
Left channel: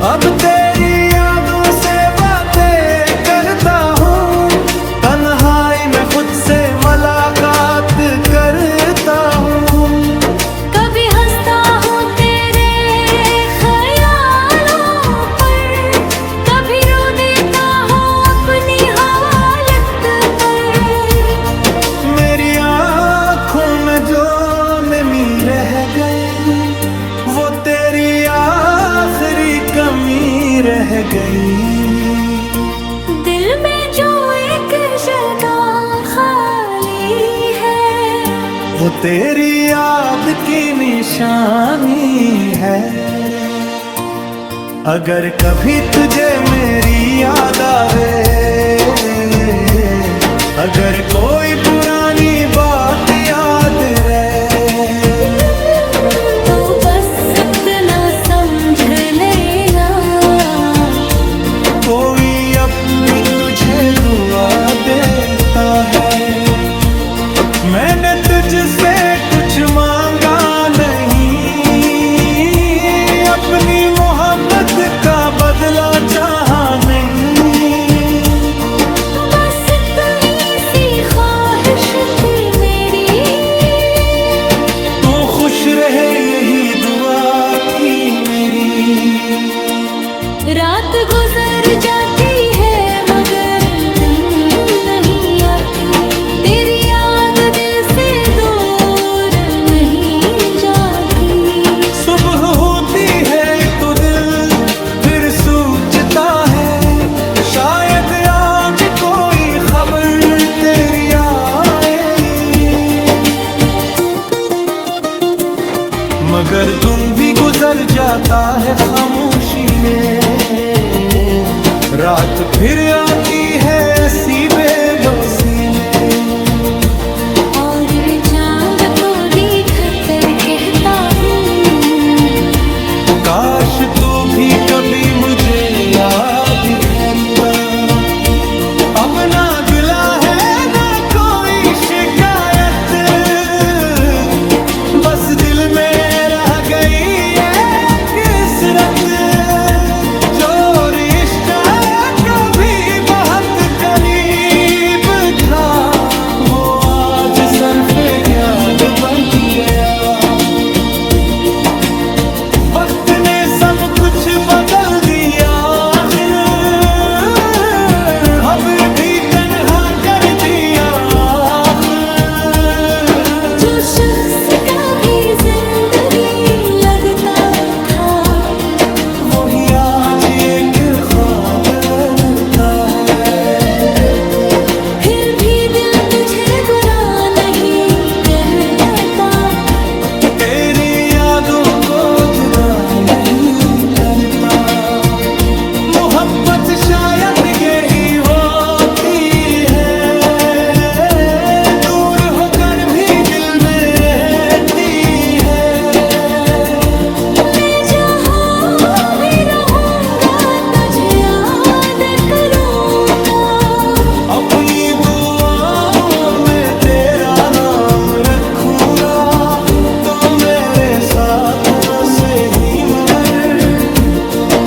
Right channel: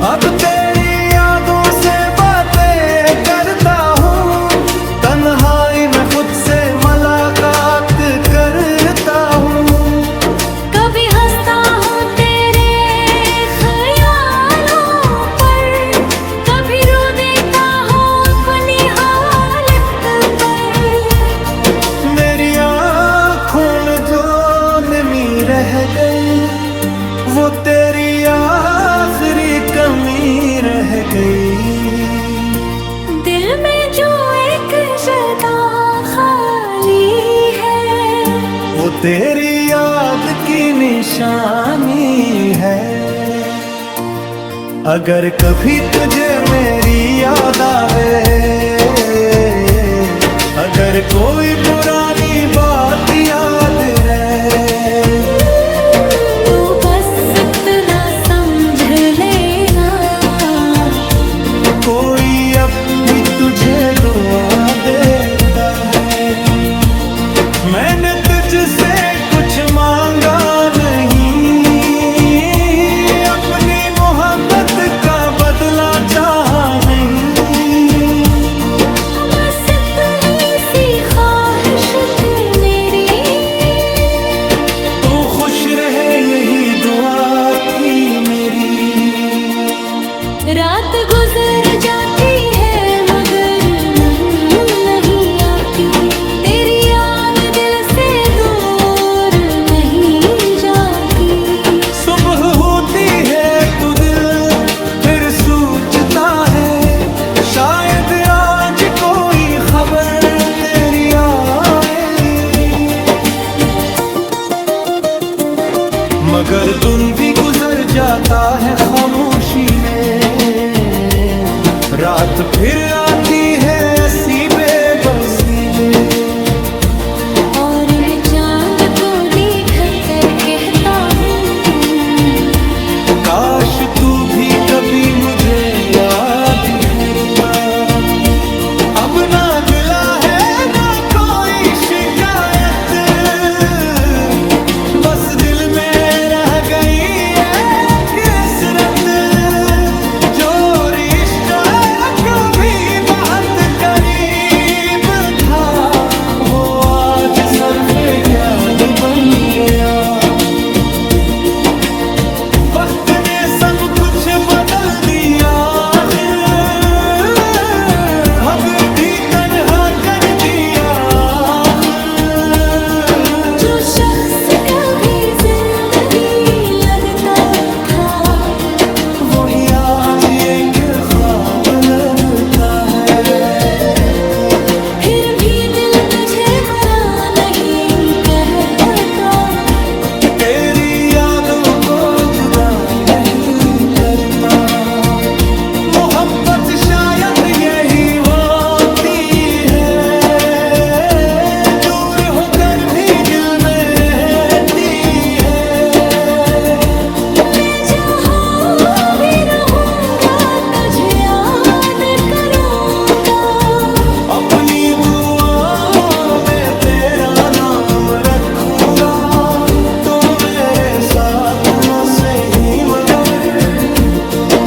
अब तेरी यादों से बातें करता हूँ, तन्हाई में खुद से मुलाकात करता हूँ। कभी हंसता हूँ तेरे ख्यालों पर, कभी रो देता हूँ अपनी हालत पर। मेरी आँखों में जो नमी रह गई, वो तेरी आखिरी कमी रह गई। दिल में जो एक जगह खाली है, वो तेरी याद की निशानी है। अगर कभी तुझे मेरी याद आवे, अगर कोई पुरानी बात याद रहे, तो बस इतना समझ लेना, कोई अब भी तुझे दुआ देता है। मैंने तुझसे कुछ मांगा नहीं, अपनी मोहब्बत का बदला चाहा नहीं। बस इतनी सी ख्वाहिश थी मेरी, तू खुश रहे यही दुआ थी मेरी। रात गुजर जाती है मगर नहीं आती, तेरी याद दिल से दूर नहीं जाती। सुबह होती है तो दिल फिर सोचता है, शायद आज कोई खबर तेरी आए। मगर दिन भी गुजर जाता है खामोशी में, रात फिर आती है ऐसी बेबसी में। और मैं चांद को देख कर कहता हूँ, काश तू भी कभी मुझे याद करता। अब ना गिला है ना कोई शिकायत, बस दिल में रह गई एक कसरत। जो रिश्ता कभी बहुत करीब था, वो आज सरफे क्याद बन गया। वक्त ने सब कुछ बदल दिया, अब भी तन्हा कर दिया आखिर। जो शख्स कभी जिंदगी लगता था, वही आज एक ख्वाब लगता है। फिर भी दिल तुझे बुरा नहीं कहता, तेरी यादों को जुदा नहीं करता। मोहब्बत शायद यही होती है, दूर होकर भी दिल में रहती है। मैं जहाँ भी रहूँगा तुझे याद करूँगा, अपनी दुआओं में तेरा नाम रखूंगा। तो मेरे साथ न सही मगर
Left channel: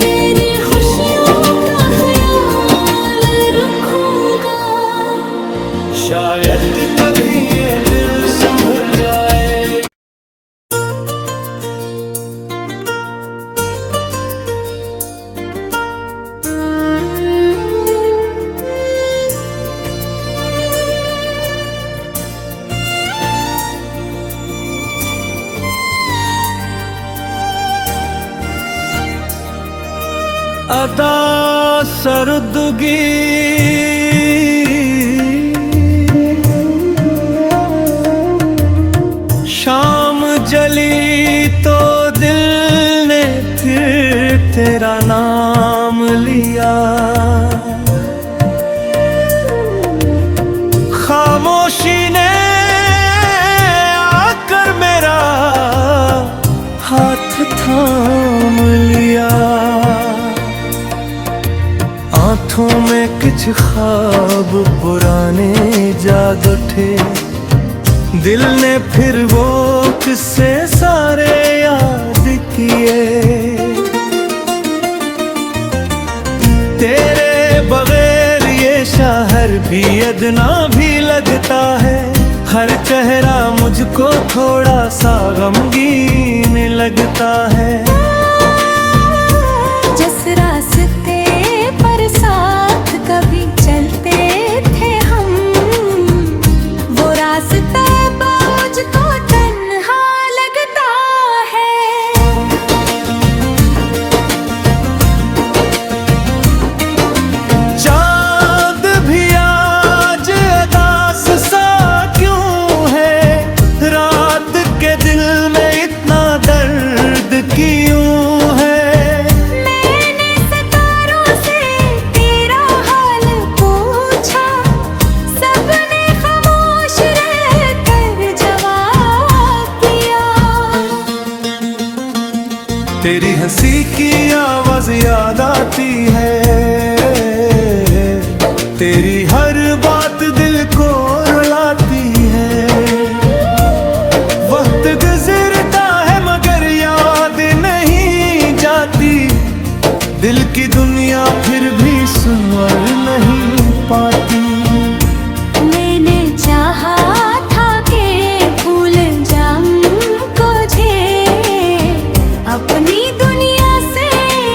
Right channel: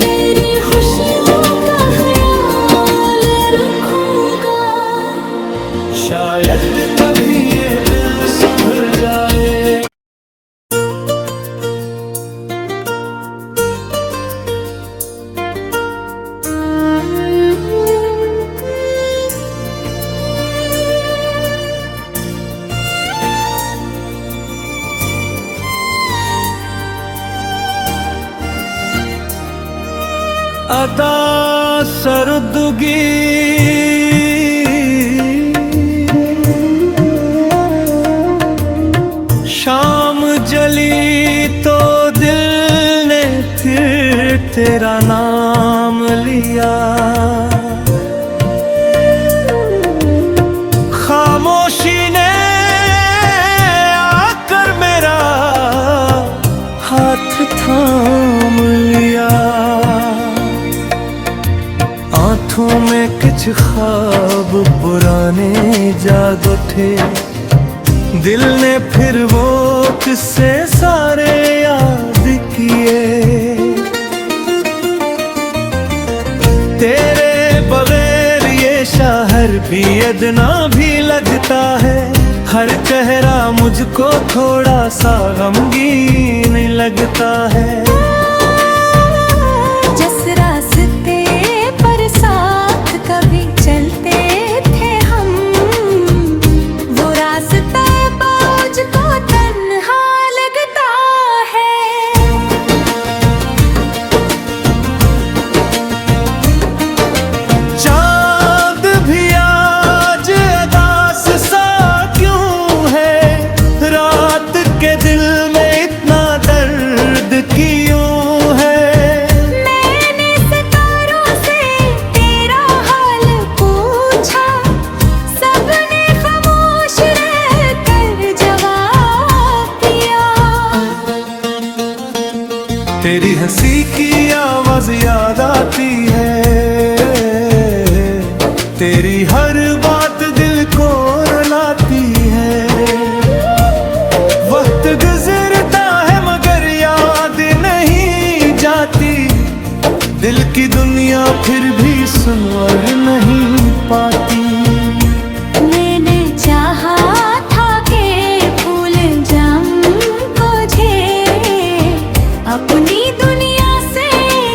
तेरी खुशियों का ख्याल रखूँगा। शायद कभी ये दिल संभल जाए। अदा सरदगी शाम जली तो दिल ने फिर तेरा नाम लिया। खामोशी कुछ ख्वाब पुराने जाग उठे, दिल ने फिर वो किस्से सारे याद किए। तेरे बगैर ये शहर भी अदना भी लगता है, हर चेहरा मुझको थोड़ा सा गमगीन लगता है। जिस रास्ते पर साथ कभी चलते थे हम, वो रास्ता मुझको तन्हा लगता है। चांद भी आज उदास सा क्यों है, रात के दिल में इतना दर्द क्यों है। मैंने सितारों से तेरा हाल पूछा, सबने खामोश रहकर जवाब दिया। तेरी हंसी की आवाज याद आती है, तेरी हर बात दिल को रुलाती है। वक्त गुजरता है मगर याद नहीं जाती, दिल की दुनिया फिर भी सुनवर नहीं पाती। मैंने चाहा था कि भूल जाऊं तुझे, अपनी दुनिया से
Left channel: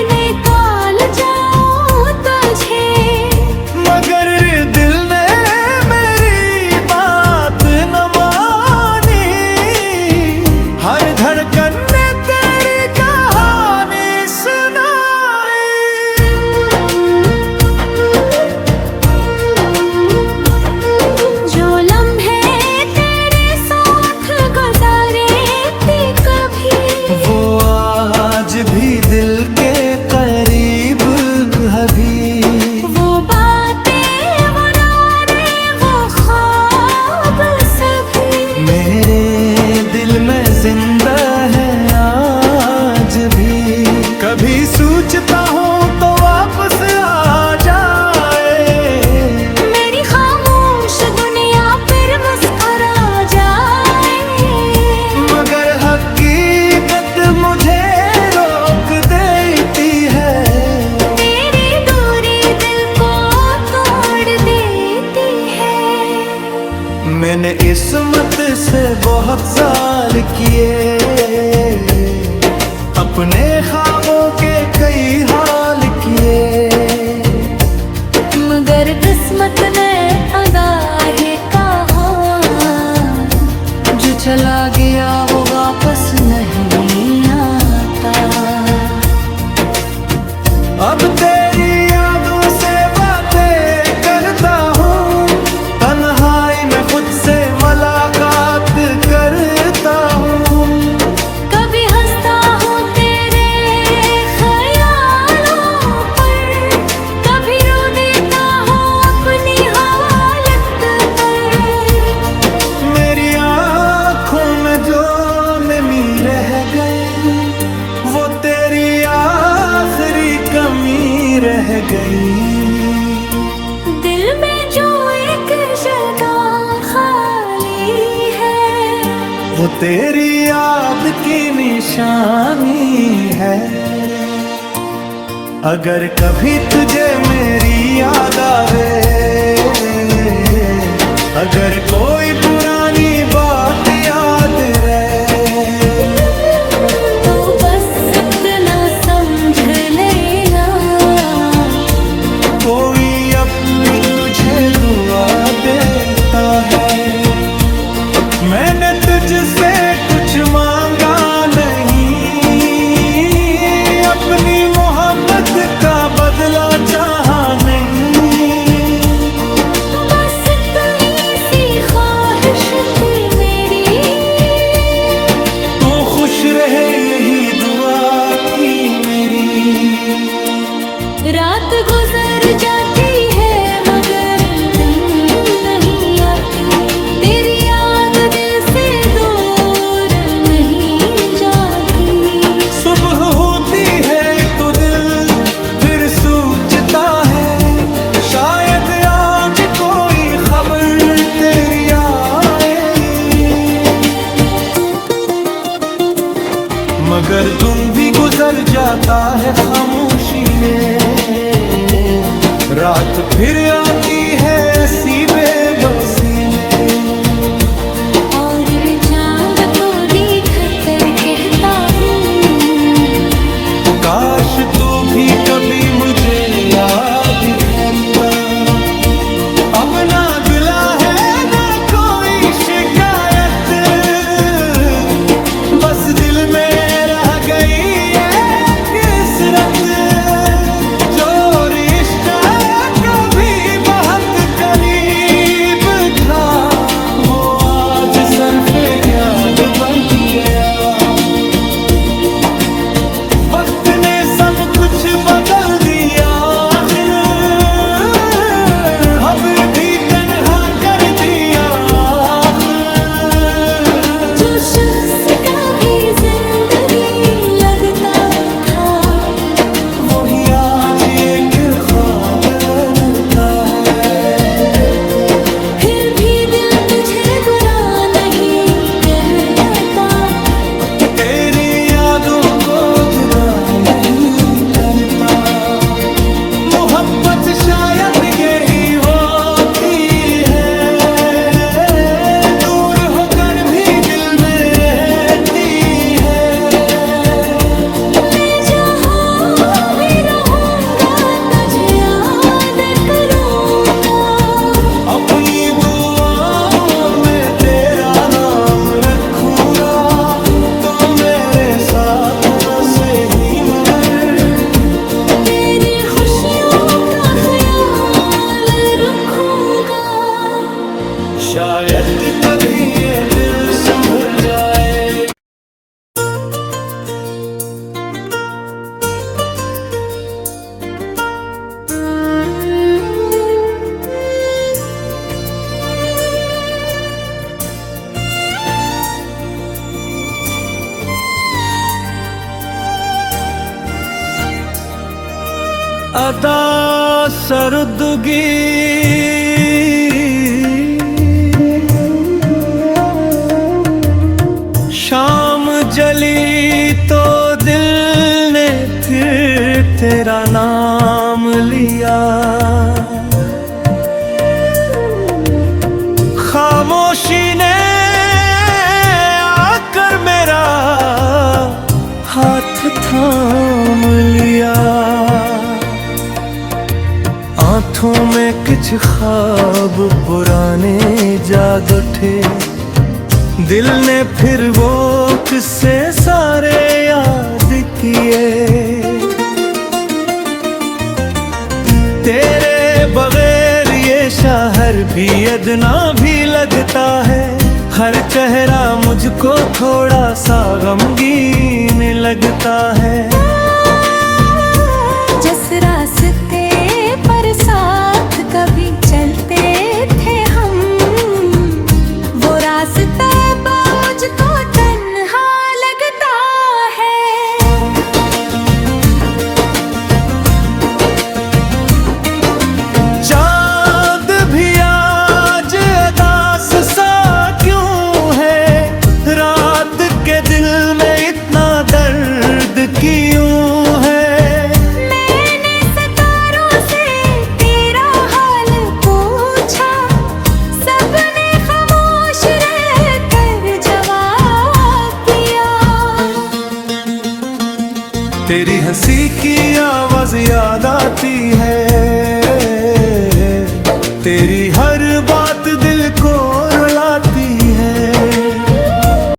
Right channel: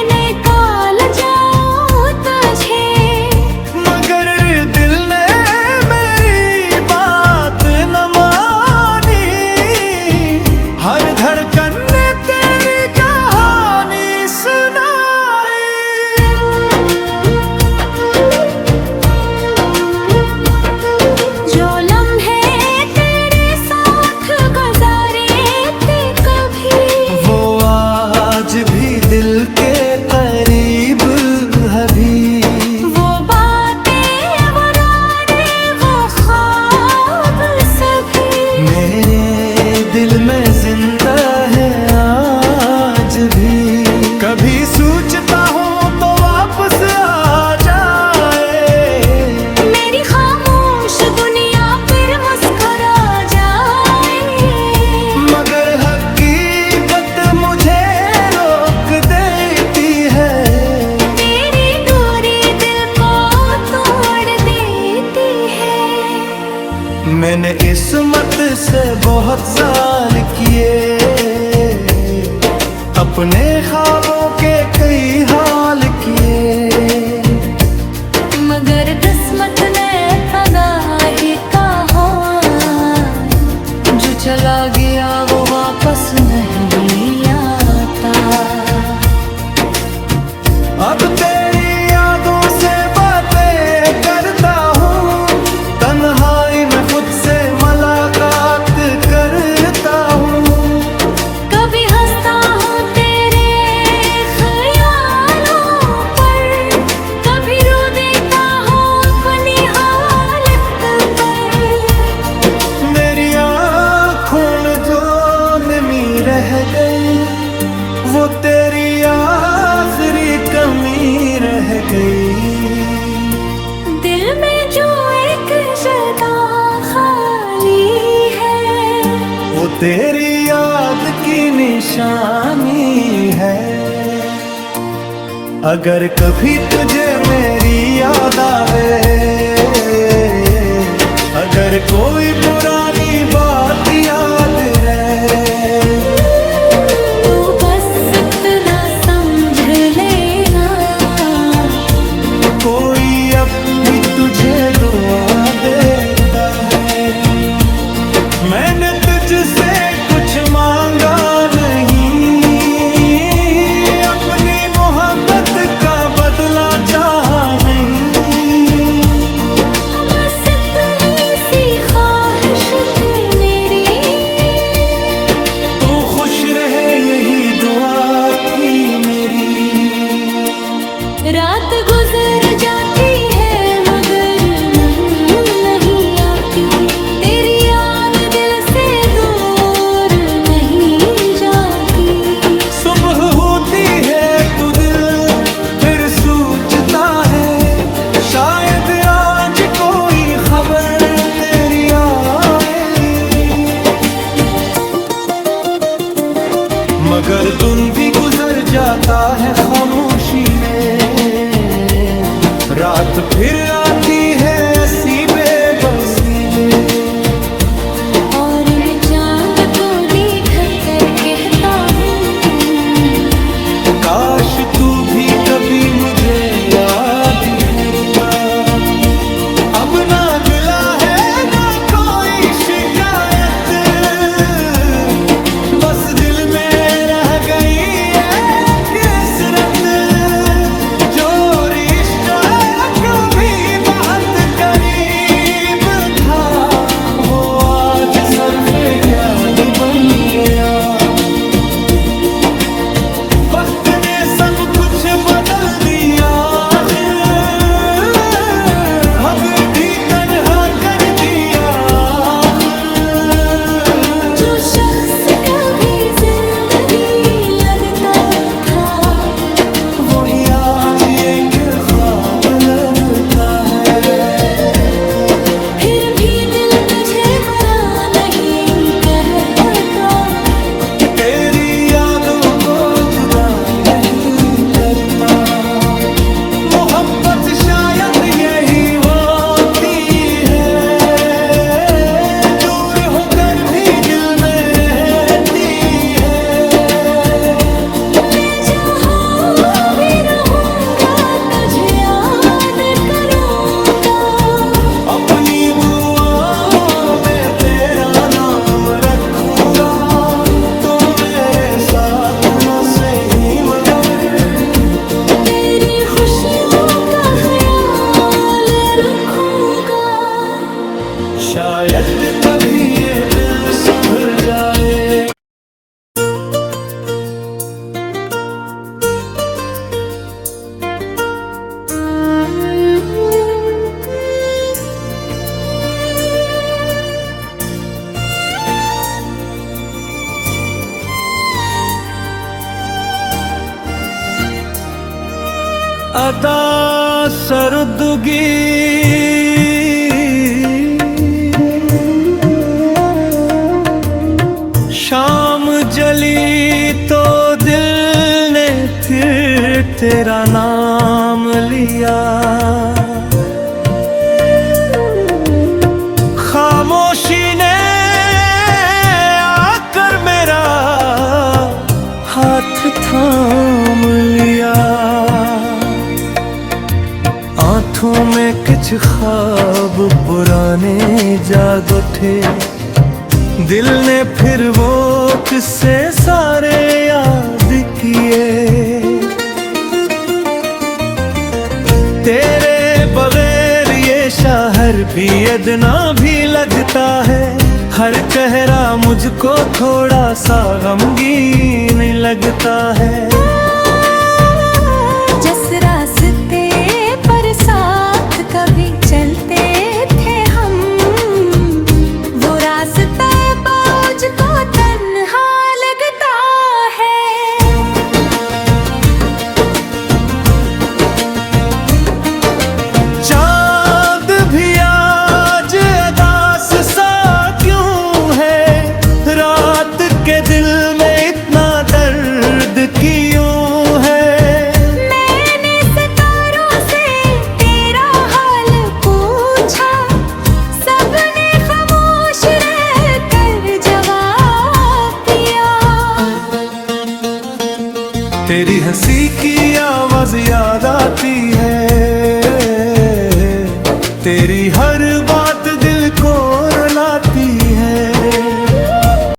निकाल जाऊं तुझे, मगर दिल ने मेरी बात न मानी। हर धड़कन ने तेरी कहानी सुनाई। जो लम्हे तेरे साथ गुजारे थे कभी, वो आज भी दिल के करीब अभी। वो बातें वो रातें वो ख्वाब सभी, मेरे दिल में जिंदा है आज भी। कभी सोचता हूँ तो वापस आ जाए, मेरी खामोश दुनिया फिर मुस्कुरा जाए। मगर हकीकत मुझे रोक देती है। तेरी दूरी दिल को तोड़ देती है। मैंने इस्मत से बहुत जाल किए, अपने ख्वाबों के कई हाल किए, मगर किस्मत ने अदा है कहा, जो चला गया वो वापस नहीं आता। अब तेरी यादों से बातें करता हूँ, तन्हाई में खुद से मुलाकात करता हूँ। कभी हंसता हूँ तेरे ख्यालों पर, कभी रो देता हूँ अपनी हालत पर। मेरी आँखों में जो नमी रह गई, वो तेरी आखिरी कमी रह गई। दिल में जो एक जगह खाली है, वो तेरी याद की निशानी है। अगर कभी तुझे मेरी याद आवे, अगर कोई पुरानी बात याद रहे, तो बस इतना समझ लेना, कोई अब भी तुझे दुआ देता है। मैंने तुझसे कुछ मांगा नहीं, अपनी मोहब्बत का बदला चाहा नहीं। बस इतनी सी ख्वाहिश थी मेरी, तू खुश रहे यही दुआ थी मेरी। रात गुजर जाती है मगर नहीं आती, तेरी याद दिल से दूर नहीं जाती। सुबह होती है तो दिल फिर सोचता है, शायद आज कोई खबर तेरी आए, मगर दिन भी गुजर जाता है खामोशी में, रात फिर आती है ऐसी बेबसी में। और मैं चांद को देखकर कहता हूँ, काश तू भी कभी मुझे याद करता। अब ना गिला है ना कोई शिकायत, बस दिल में रह गई एक कसरत। जो रिश्ता कभी बहुत करीब था, वो आज सरफे क्याद बन गया। वक्त ने सब कुछ बदल दिया, अब भी तन्हा कर दिया आखिर। जो शख्स कभी जिंदगी लगता था, वही आज एक ख्वाब लगता है। फिर भी दिल तुझे बुरा नहीं कहता, तेरी यादों को जुदा नहीं करता। मोहब्बत शायद यही होती है, दूर होकर भी दिल में रहती है। मैं जहाँ भी रहूँगा तुझे याद करूँगा, अपनी दुआओं में तेरा नाम रखूँगा। तो मेरे साथ न सही मगर तेरी खुशियों का ख्याल रखूँगा। शायद कभी ये दिल संभल जाए। अदा सरदगी शाम जली तो दिल ने फिर तेरा नाम लिया। खामोशी ने आकर मेरा हाथ थाम लिया। आँखों में कुछ ख्वाब पुराने जाग उठे, दिल ने फिर वो किस्से सारे याद किए। तेरे बगैर ये शहर भी अदना भी लगता है, हर चेहरा मुझको थोड़ा सा गमगीन लगता है। जिस रास्ते पर साथ कभी चलते थे हम, वो रास्ता मुझको तन्हा लगता है। चांद भी आज उदास सा क्यों है, रात के दिल में इतना दर्द क्यों है। तेरी हंसी की आवाज याद आती है, तेरी